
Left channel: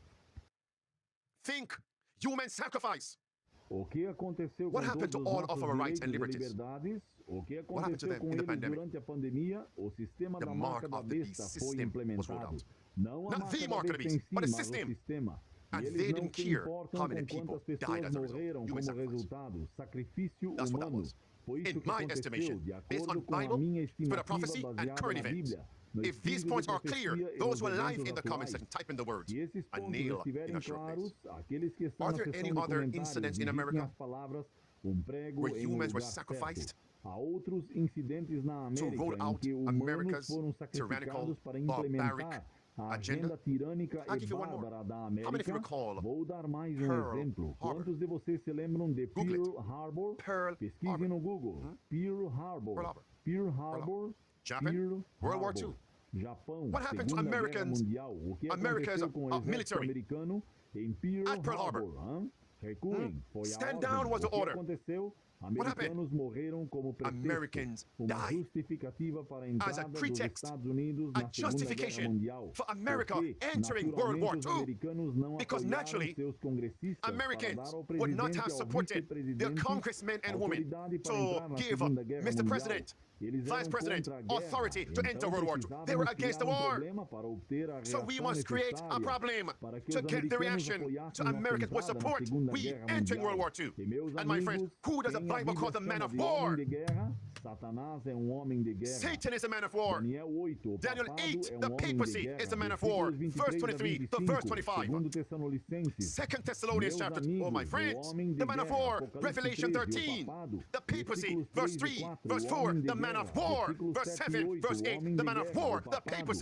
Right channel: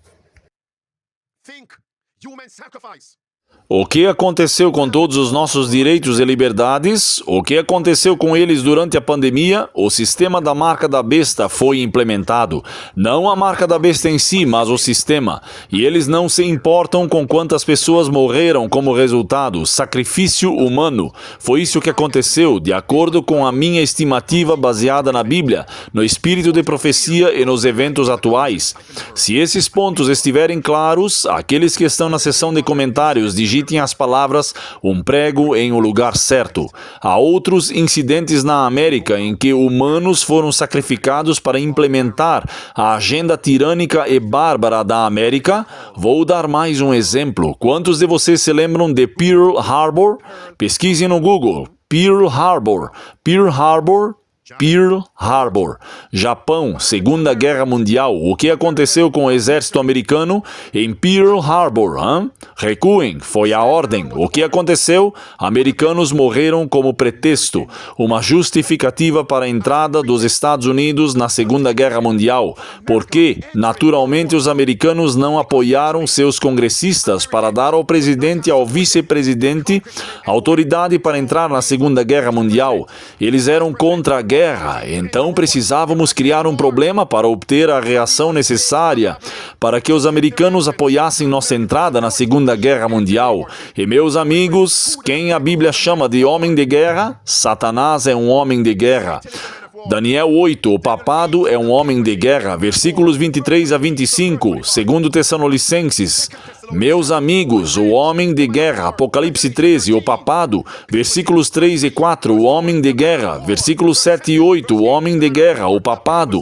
O que aconteceu com todos os nossos direitos e liberdades? O que aconteceu com eles durante a pandemia? O sistema da marca da besta foi implementado. Não a marca da besta em si, mas o sistema. E eles não se importam com quantas pessoas morreram como resultado. Sacrifício humano. Foi isso que aconteceu, de acordo com a minha estimativa baseada na Bíblia, no espírito de profecia e nos eventos atuais. Se esses pontos estiverem claros, aqueles que estão na seção de comentários digitem as palavras "um prego em um lugar certo". Há outros incidentes na América em que humanos foram sacrificados para implementar a agenda tirânica e bárbara da América. Vou dar mais um exemplo. Quantos de vocês se lembram de Pearl Harbor? Pesquisem no Google. Pearl Harbor. Pearl Harbor. Pearl Harbor, Japão, Segunda Guerra Mundial. O que aconteceu com o exército americano em Pearl Harbor? Recuem, foi a ordem. O que aconteceu? Americanos morreram como pretexto, uma justificativa para a entrada dos Estados Unidos na Segunda Guerra Mundial. Porque, naturalmente, os americanos não apoiaram seus congressistas para dar ao presidente e ao vice-presidente autoridade para entrar na Segunda Guerra Mundial. Eles eram contra a guerra, então precisávamos criar um problema para obter a reação necessária para que os americanos apoiassem nossa entrada na Segunda Guerra Mundial. E, meus amigos, quem a Bíblia chama de homem de guerra? Satanás é um homem de guerra. Daniel 8, o papado é um homem de guerra. Versículos 23 a 25, segundo Tessalonicenses. Meus amigos, o homem de guerra. Apocalipse 13, o papado. Versículos 3 e 4, o homem de guerra. Versículos 7 e 8, o homem de guerra, o papado.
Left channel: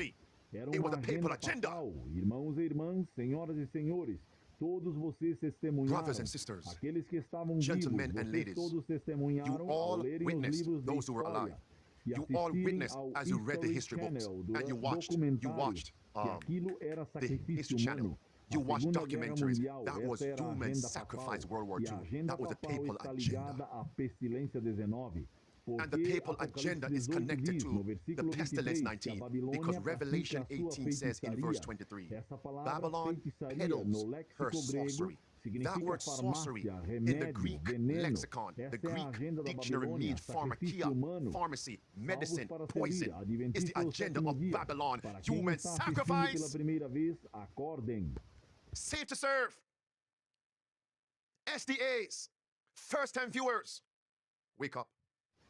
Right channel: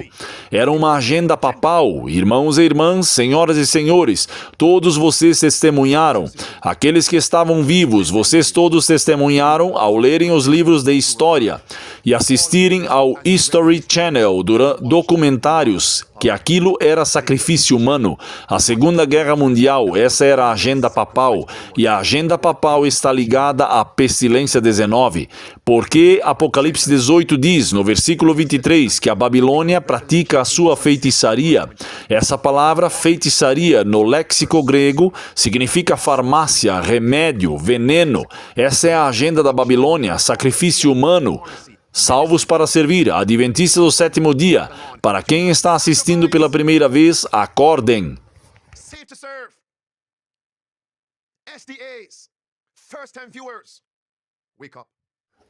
Era uma agenda papal. Irmãos e irmãs, senhoras e senhores, todos vocês testemunharam. Aqueles que estavam vivos, vocês todos testemunharam ao lerem os livros de história. e assistirem ao History Channel documentários que aquilo era sacrifício humano. A Segunda Guerra Mundial, essa era a agenda papal, e a agenda papal está ligada à pestilência 19, porque Apocalipse 18 diz, no versículo 23, que a Babilônia pratica a sua feitiçaria. Essa palavra feitiçaria, no léxico grego, significa farmácia, remédio, veneno. Essa é a agenda da Babilônia, sacrifício humano. Salvos para servir, Adventistas do sétimo dia. Para quem está assistindo pela primeira vez, acordem. Safe to serve. SDAs, first-time viewers, wake up.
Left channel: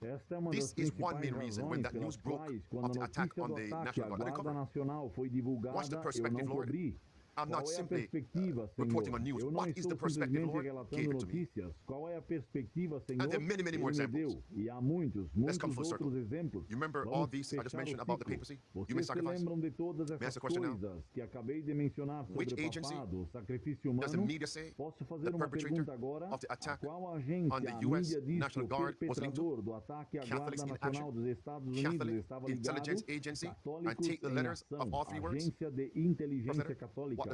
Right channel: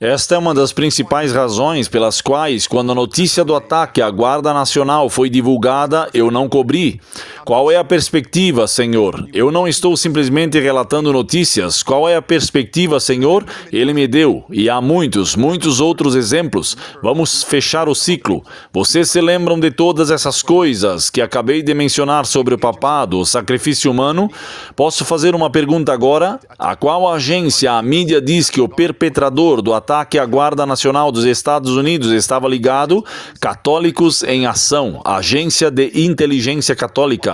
Esta é uma das principais razões pelas quais, quando a notícia do ataque à Guarda Nacional foi divulgada, eu não cobri. Qual é a perspectiva, Senhor? Eu não estou simplesmente relatando notícias. Qual é a perspectiva, Senhor? Ele me deu. E há muitos outros exemplos. Vamos fechar o ciclo. Vocês se lembram de todas essas coisas que acabei de mencionar sobre o papado, o sacrifício humano? Posso fazer uma pergunta agora? A qual agência a mídia diz que o perpetrador do ataque à Guarda Nacional dos Estados Unidos estava ligado? Católicos em Ação, Agência de Inteligência Católica.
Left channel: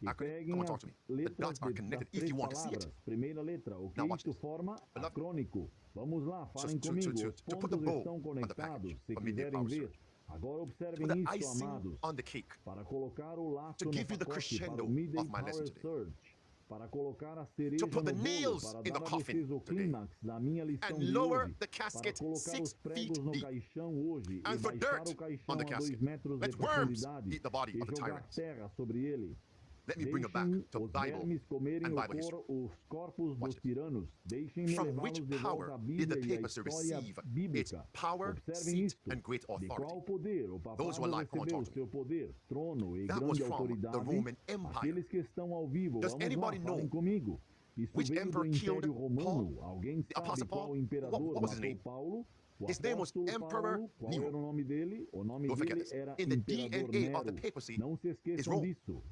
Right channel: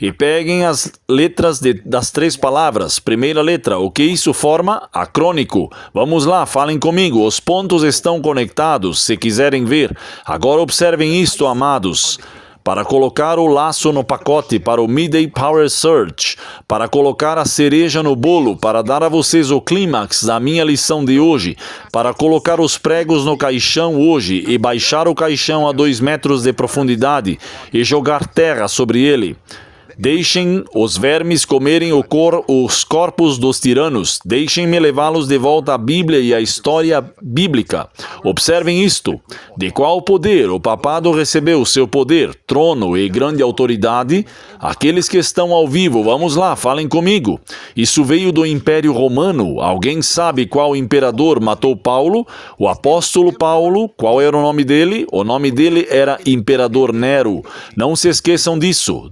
E peguem as letras das três palavras. Primeira letra, o que isso forma? Acrônico. Vamos lá, falem comigo. Os pontos estão conectados, se quiserem ver. Agora observem isto, amados. Para colocar o laço no pacote para o Midday Power Surge, para colocar a cereja no bolo, para dar a vocês o clímax da minha lição de hoje, para colocar os pregos no caixão hoje e baixar o caixão a 2 metros de profundidade e jogar terra sobre ele. Deixem os vermes comerem os corpos dos tiranos. Deixem-me levá-los de volta à Bíblia e à história bíblica. Observem isto. De qual poder o papado recebeu seu poder, trono e grande autoridade? Aqueles que estão ao vivo, vamos lá, falem comigo. Isso veio do Império Romano. Alguém sabe qual imperador matou Paulo? O apóstolo Paulo, qual era o nome dele? O nome dele era Imperador Nero. Não se esqueçam disso.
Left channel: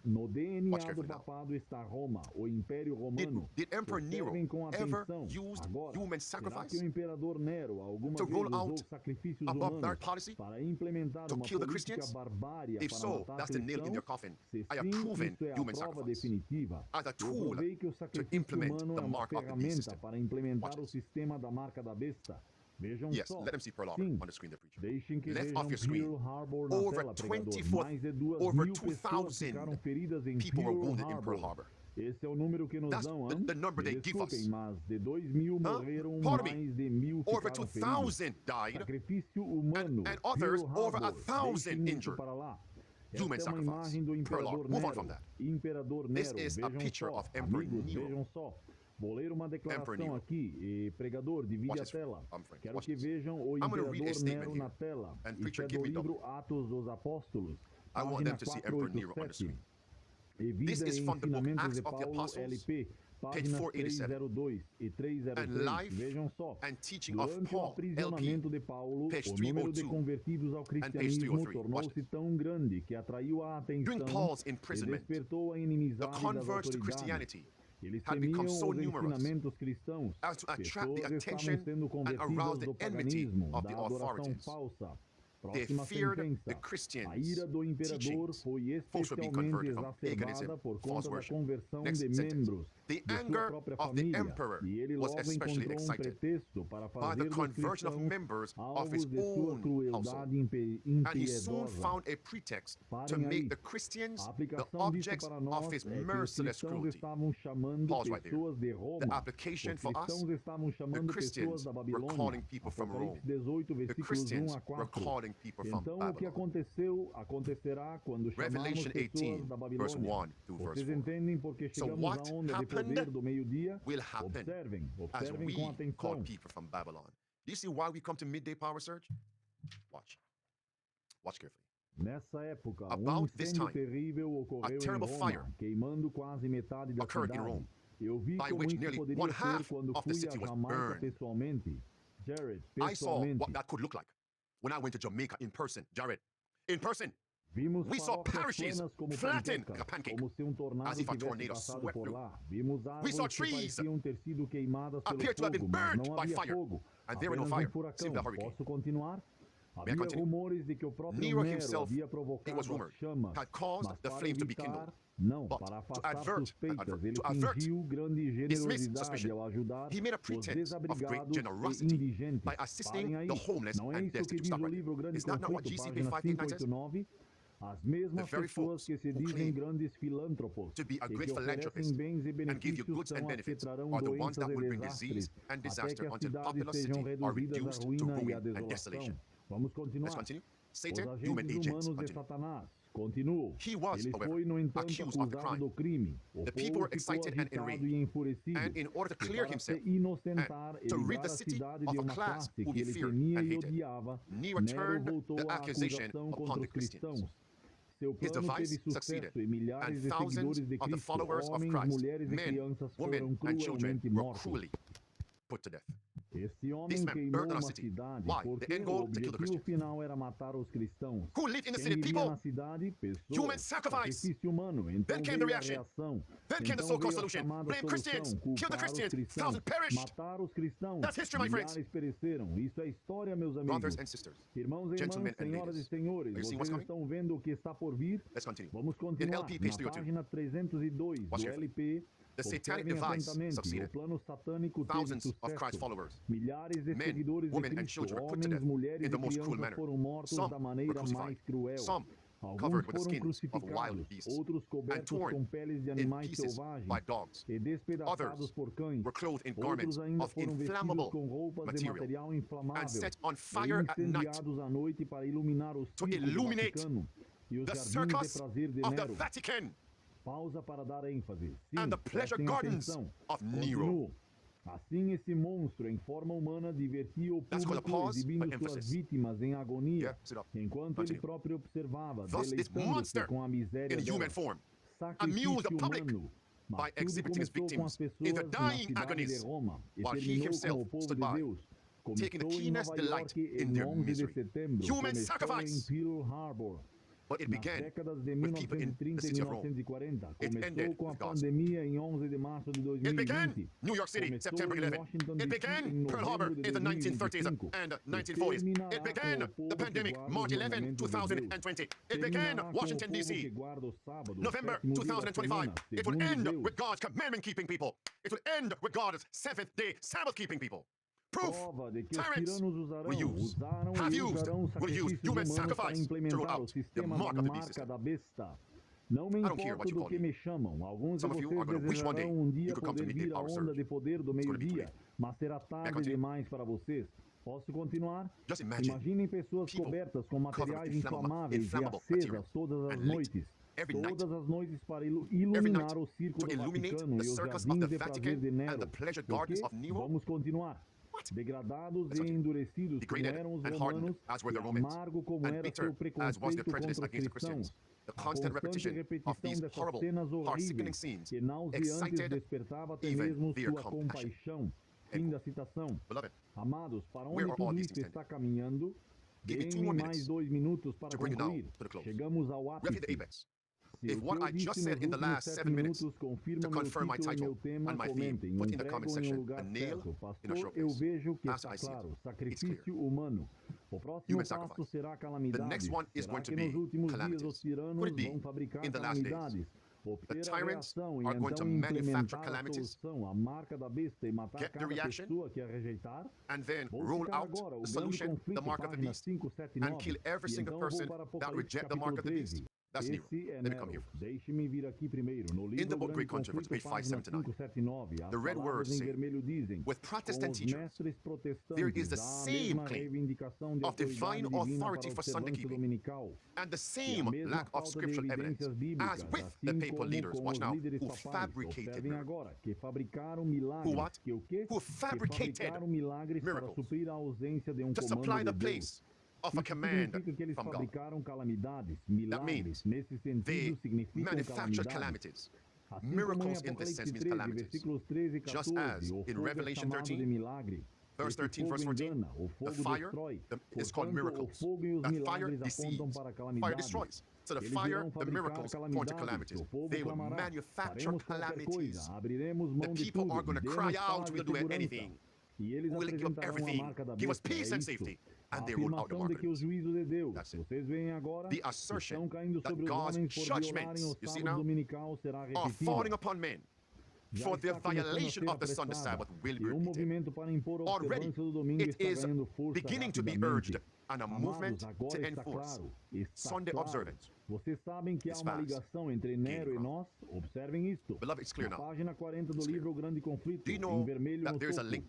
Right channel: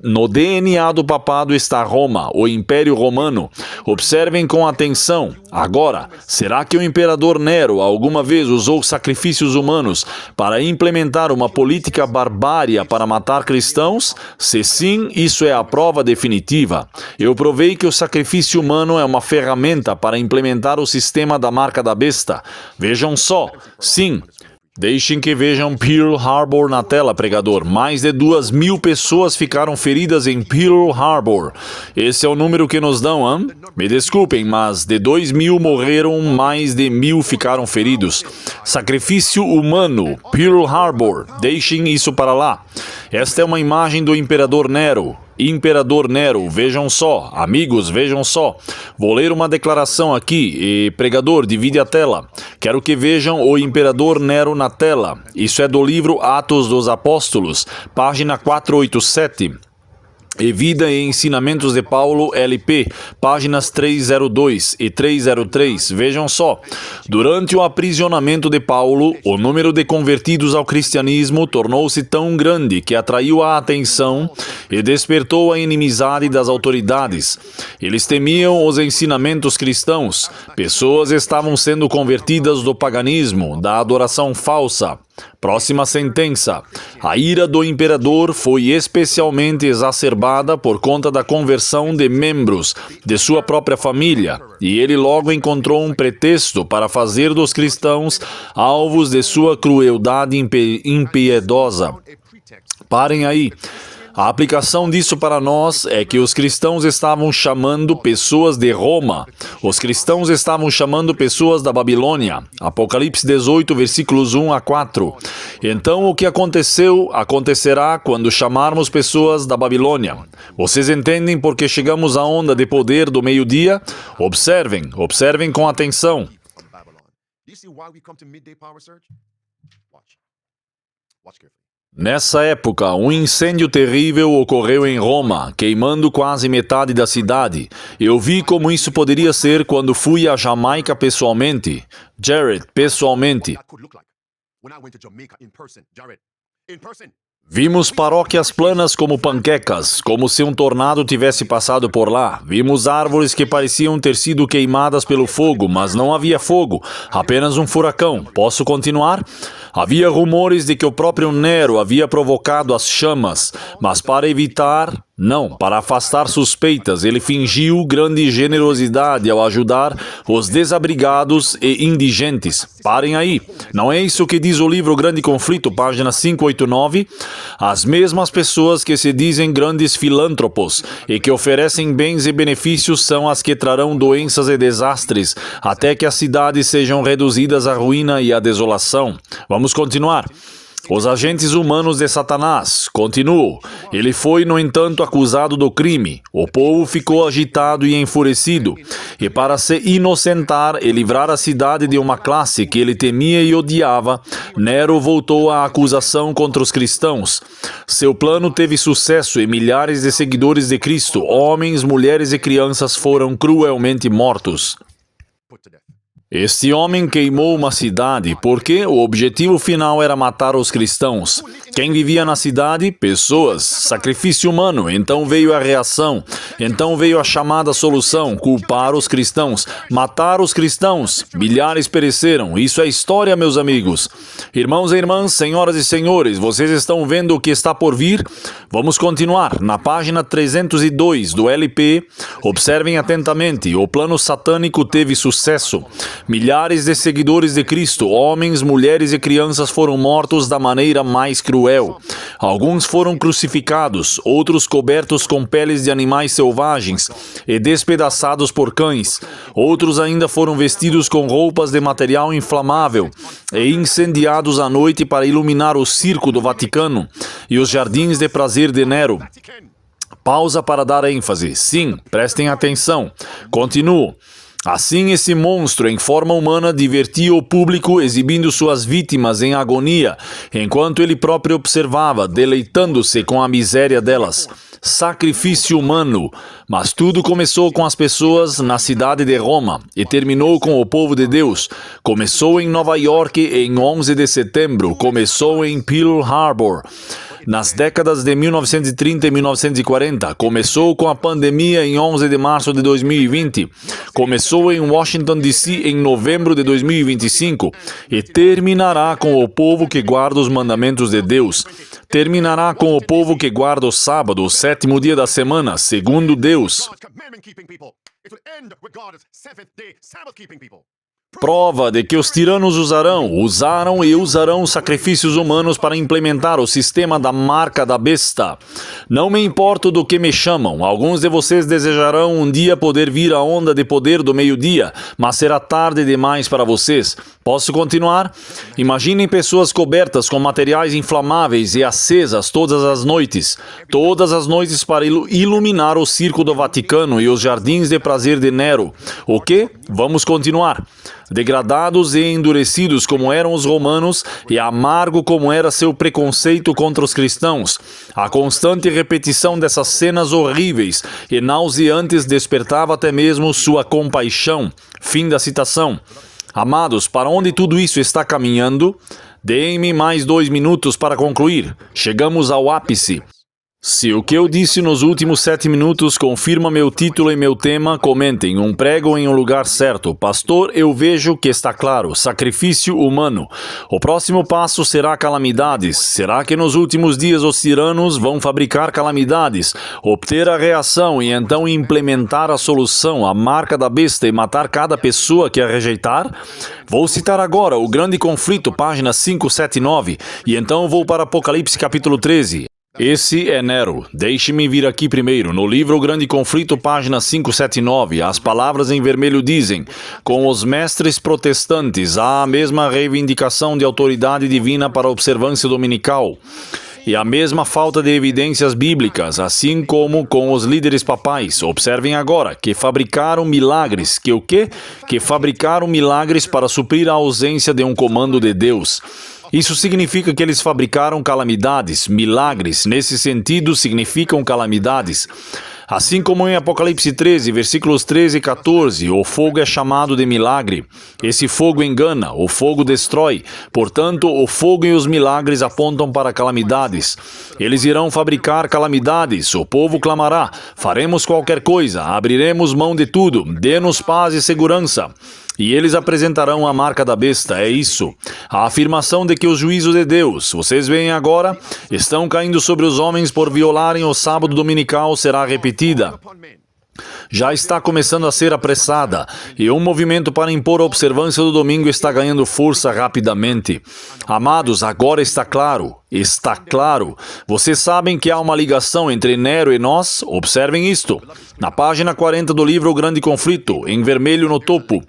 No DNA do papado está Roma, o Império Romano. Observem com atenção. Agora, será que o imperador Nero alguma vez usou sacrifícios humanos para implementar uma política barbária para matar cristãos? Se sim, isso é a prova definitiva. Eu provei que o sacrifício humano é uma ferramenta para implementar o sistema da marca da besta. Vejam só. Sim. Deixem que vejam Pearl Harbor na tela, pregador. Mais de 2.000 pessoas ficaram feridas em Pearl Harbor. Esse é o número que nos dão, hein? Me desculpem, mas de 2.000 morreram, mais de 1.000 ficaram feridos. Sacrifício humano, Pearl Harbor. Deixem isso para lá. Esta é uma imagem do Imperador Nero. Imperador Nero, vejam só, amigos, vejam só. Vou ler uma declaração aqui e, pregador, divide a tela. Quero que vejam o Imperador Nero na tela. Isso é do livro Atos dos Apóstolos, página 487. E Vida e Ensinamentos de Paulo, LP, páginas 302 e 303. Vejam só. Durante o aprisionamento de Paulo, o número de convertidos ao cristianismo tornou-se tão grande que atraiu a atenção e despertou a inimizade das autoridades. Eles temiam os ensinamentos cristãos. Pessoas estavam sendo convertidas do paganismo, da adoração falsa. Próxima sentença. A ira do imperador foi especialmente exacerbada por conta da conversão de membros de sua própria família, e ele logo encontrou um pretexto para fazer dos cristãos alvos de sua crueldade impiedosa. Parem aí. A aplicação disso para nós é que os cristãos estavam chamando pessoas de Roma. Os cristãos estavam chamando pessoas da Babilônia. Apocalipse 18, versículos 1 a 4. Então, o que acontecerá quando chamarmos pessoas da Babilônia. Vocês entendem por que chegamos à onda de poder do meio-dia? Observem com atenção. Nessa época, um incêndio terrível ocorreu em Roma, queimando quase metade da cidade. Eu vi como isso poderia ser quando fui à Jamaica pessoalmente. Jared, pessoalmente. Vimos paróquias planas como panquecas, como se um tornado tivesse passado por lá. Vimos árvores que pareciam ter sido queimadas pelo fogo, mas não havia fogo, apenas um furacão. Posso continuar? Havia rumores de que o próprio Nero havia provocado as chamas, mas para evitar... Não, para afastar suspeitas, ele fingiu grande generosidade ao ajudar os desabrigados e indigentes. Parem aí. Não é isso que diz o livro Grande Conflito, página 589? As mesmas pessoas que se dizem grandes filântropos e que oferecem bens e benefícios são as que trarão doenças e desastres, até que as cidades sejam reduzidas à ruína e à desolação. Vamos continuar. Os agentes humanos de Satanás. Continuo. Ele foi, no entanto, acusado do crime. O povo ficou agitado e enfurecido. E para se inocentar e livrar a cidade de uma classe que ele temia e odiava, Nero voltou à acusação contra os cristãos. Seu plano teve sucesso e milhares de seguidores de Cristo, homens, mulheres e crianças, foram cruelmente mortos. Este homem queimou uma cidade porque o objetivo final era matar os cristãos. Quem vivia na cidade? Pessoas. Sacrifício humano. Então veio a reação. Então veio a chamada solução: culpar os cristãos. Matar os cristãos. Milhares pereceram. Isso é história, meus amigos. Irmãos e irmãs, senhoras e senhores, vocês estão vendo o que está por vir? Vamos continuar. Na página 302 do LP, observem atentamente. O plano satânico teve sucesso. Milhares de seguidores de Cristo, homens, mulheres e crianças foram mortos da maneira mais cruel. Alguns foram crucificados, outros cobertos com peles de animais selvagens e despedaçados por cães. Outros ainda foram vestidos com roupas de material inflamável e incendiados à noite para iluminar o circo do Vaticano e os jardins de prazer de Nero. Pausa para dar ênfase. Sim, prestem atenção. Continuo. Assim, esse monstro em forma humana divertia o público exibindo suas vítimas em agonia, enquanto ele próprio observava, deleitando-se com a miséria delas. Sacrifício humano. Mas tudo começou com as pessoas na cidade de Roma e terminou com o povo de Deus. Começou em Nova York em 11 de setembro, começou em Pearl Harbor. Nas décadas de 1930 e 1940, começou com a pandemia em 11 de março de 2020, começou em Washington, D.C. em novembro de 2025 e terminará com o povo que guarda os mandamentos de Deus. Terminará com o povo que guarda o sábado, o sétimo dia da semana, segundo Deus. Prova de que os tiranos usaram e usarão sacrifícios humanos para implementar o sistema da marca da besta. Não me importo do que me chamam. Alguns de vocês desejarão um dia poder vir à onda de poder do meio-dia, mas será tarde demais para vocês. Posso continuar? Imaginem pessoas cobertas com materiais inflamáveis e acesas todas as noites para iluminar o circo do Vaticano e os jardins de prazer de Nero. O quê? Vamos continuar. Degradados e endurecidos como eram os romanos e amargo como era seu preconceito contra os cristãos. A constante repetição dessas cenas horríveis e nauseantes despertava até mesmo sua compaixão. Fim da citação. Amados, para onde tudo isso está caminhando? Deem-me mais 2 minutos para concluir. Chegamos ao ápice. Se o que eu disse nos últimos 7 minutos confirma meu título e meu tema, comentem: um prego em um lugar certo. Pastor, eu vejo que está claro. Sacrifício humano. O próximo passo será calamidades. Será que nos últimos dias os tiranos vão fabricar calamidades, obter a reação e então implementar a solução, a marca da besta e matar cada pessoa que a rejeitar? Vou citar agora o Grande Conflito, página 579, e então vou para Apocalipse capítulo 13. Esse é Nero. Deixe-me vir aqui primeiro. No livro O Grande Conflito, página 579, as palavras em vermelho dizem: com os mestres protestantes há a mesma reivindicação de autoridade divina para a observância dominical e a mesma falta de evidências bíblicas, assim como com os líderes papais. Observem agora, que fabricaram milagres. Que o quê? Que fabricaram milagres para suprir a ausência de um comando de Deus. Isso significa que eles fabricaram calamidades. Milagres, nesse sentido, significam calamidades. Assim como em Apocalipse 13, versículos 13 e 14, o fogo é chamado de milagre. Esse fogo engana, o fogo destrói. Portanto, o fogo e os milagres apontam para calamidades. Eles irão fabricar calamidades. O povo clamará: faremos qualquer coisa, abriremos mão de tudo, dê-nos paz e segurança. E eles apresentarão a marca da besta, é isso. A afirmação de que os juízos de Deus, vocês veem agora, estão caindo sobre os homens por violarem o sábado dominical será repetida. Já está começando a ser apressada, e um movimento para impor a observância do domingo está ganhando força rapidamente. Amados, agora está claro. Está claro. Vocês sabem que há uma ligação entre Nero e nós? Observem isto. Na página 40 do livro O Grande Conflito, em vermelho no topo.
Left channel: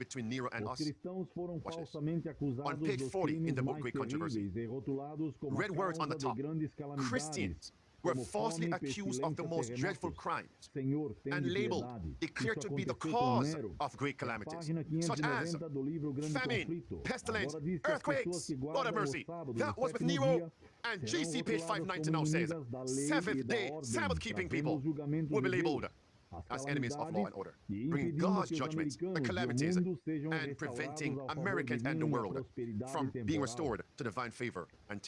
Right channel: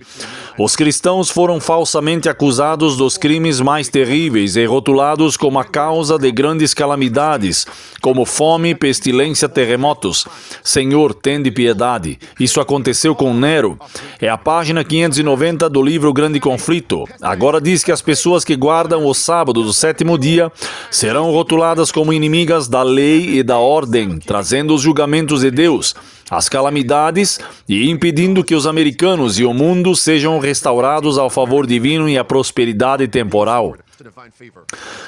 Os cristãos foram falsamente acusados dos crimes mais terríveis e rotulados como a causa de grandes calamidades, como fome, pestilência, terremotos. Senhor, tende piedade. Isso aconteceu com Nero. É a página 590 do livro O Grande Conflito. Agora diz que as pessoas que guardam o sábado do sétimo dia serão rotuladas como inimigas da lei e da ordem, trazendo os julgamentos de Deus, as calamidades e impedindo que os americanos e o mundo sejam restaurados ao favor divino e à prosperidade temporal.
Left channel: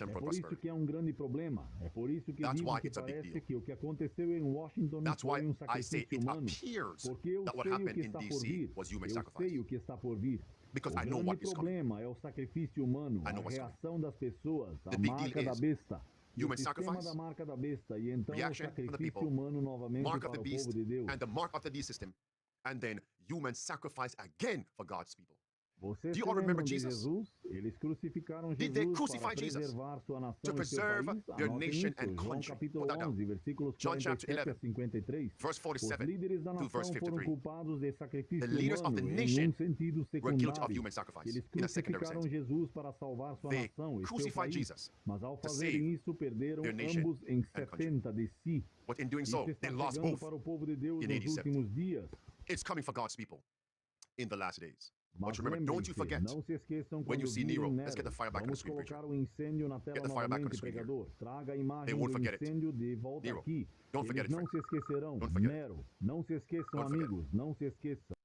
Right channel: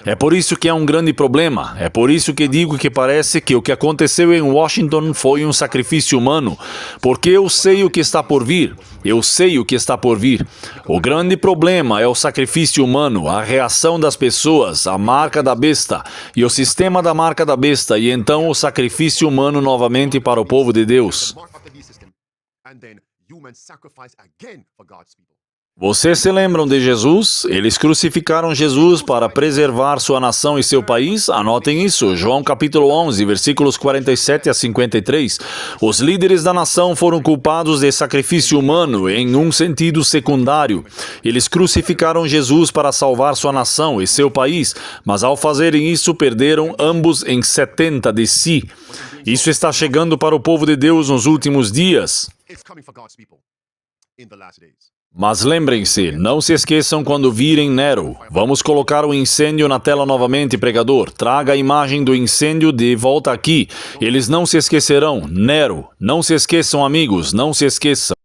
É por isso que é um grande problema. É por isso que digo que parece que o que aconteceu em Washington foi um sacrifício humano. Porque eu sei o que está por vir. Eu sei o que está por vir. O grande problema é o sacrifício humano, a reação das pessoas, a marca da besta e o sistema da marca da besta, e então o sacrifício humano novamente para o povo de Deus. Vocês se lembram de Jesus? Eles crucificaram Jesus para preservar sua nação e seu país? Anotem isso, João capítulo 11, versículos 47 a 53. Os líderes da nação foram culpados de sacrifício humano em um sentido secundário. Eles crucificaram Jesus para salvar sua nação e seu país, mas ao fazerem isso perderam ambos em 70 de si. Isso está chegando para o povo de Deus nos últimos dias. Mas lembrem-se, não se esqueçam quando virem Nero. Vamos colocar o incêndio na tela novamente, pregador. Traga a imagem do incêndio de volta aqui. Eles não se esquecerão. Nero. Não se esqueçam, amigos, não se esqueçam.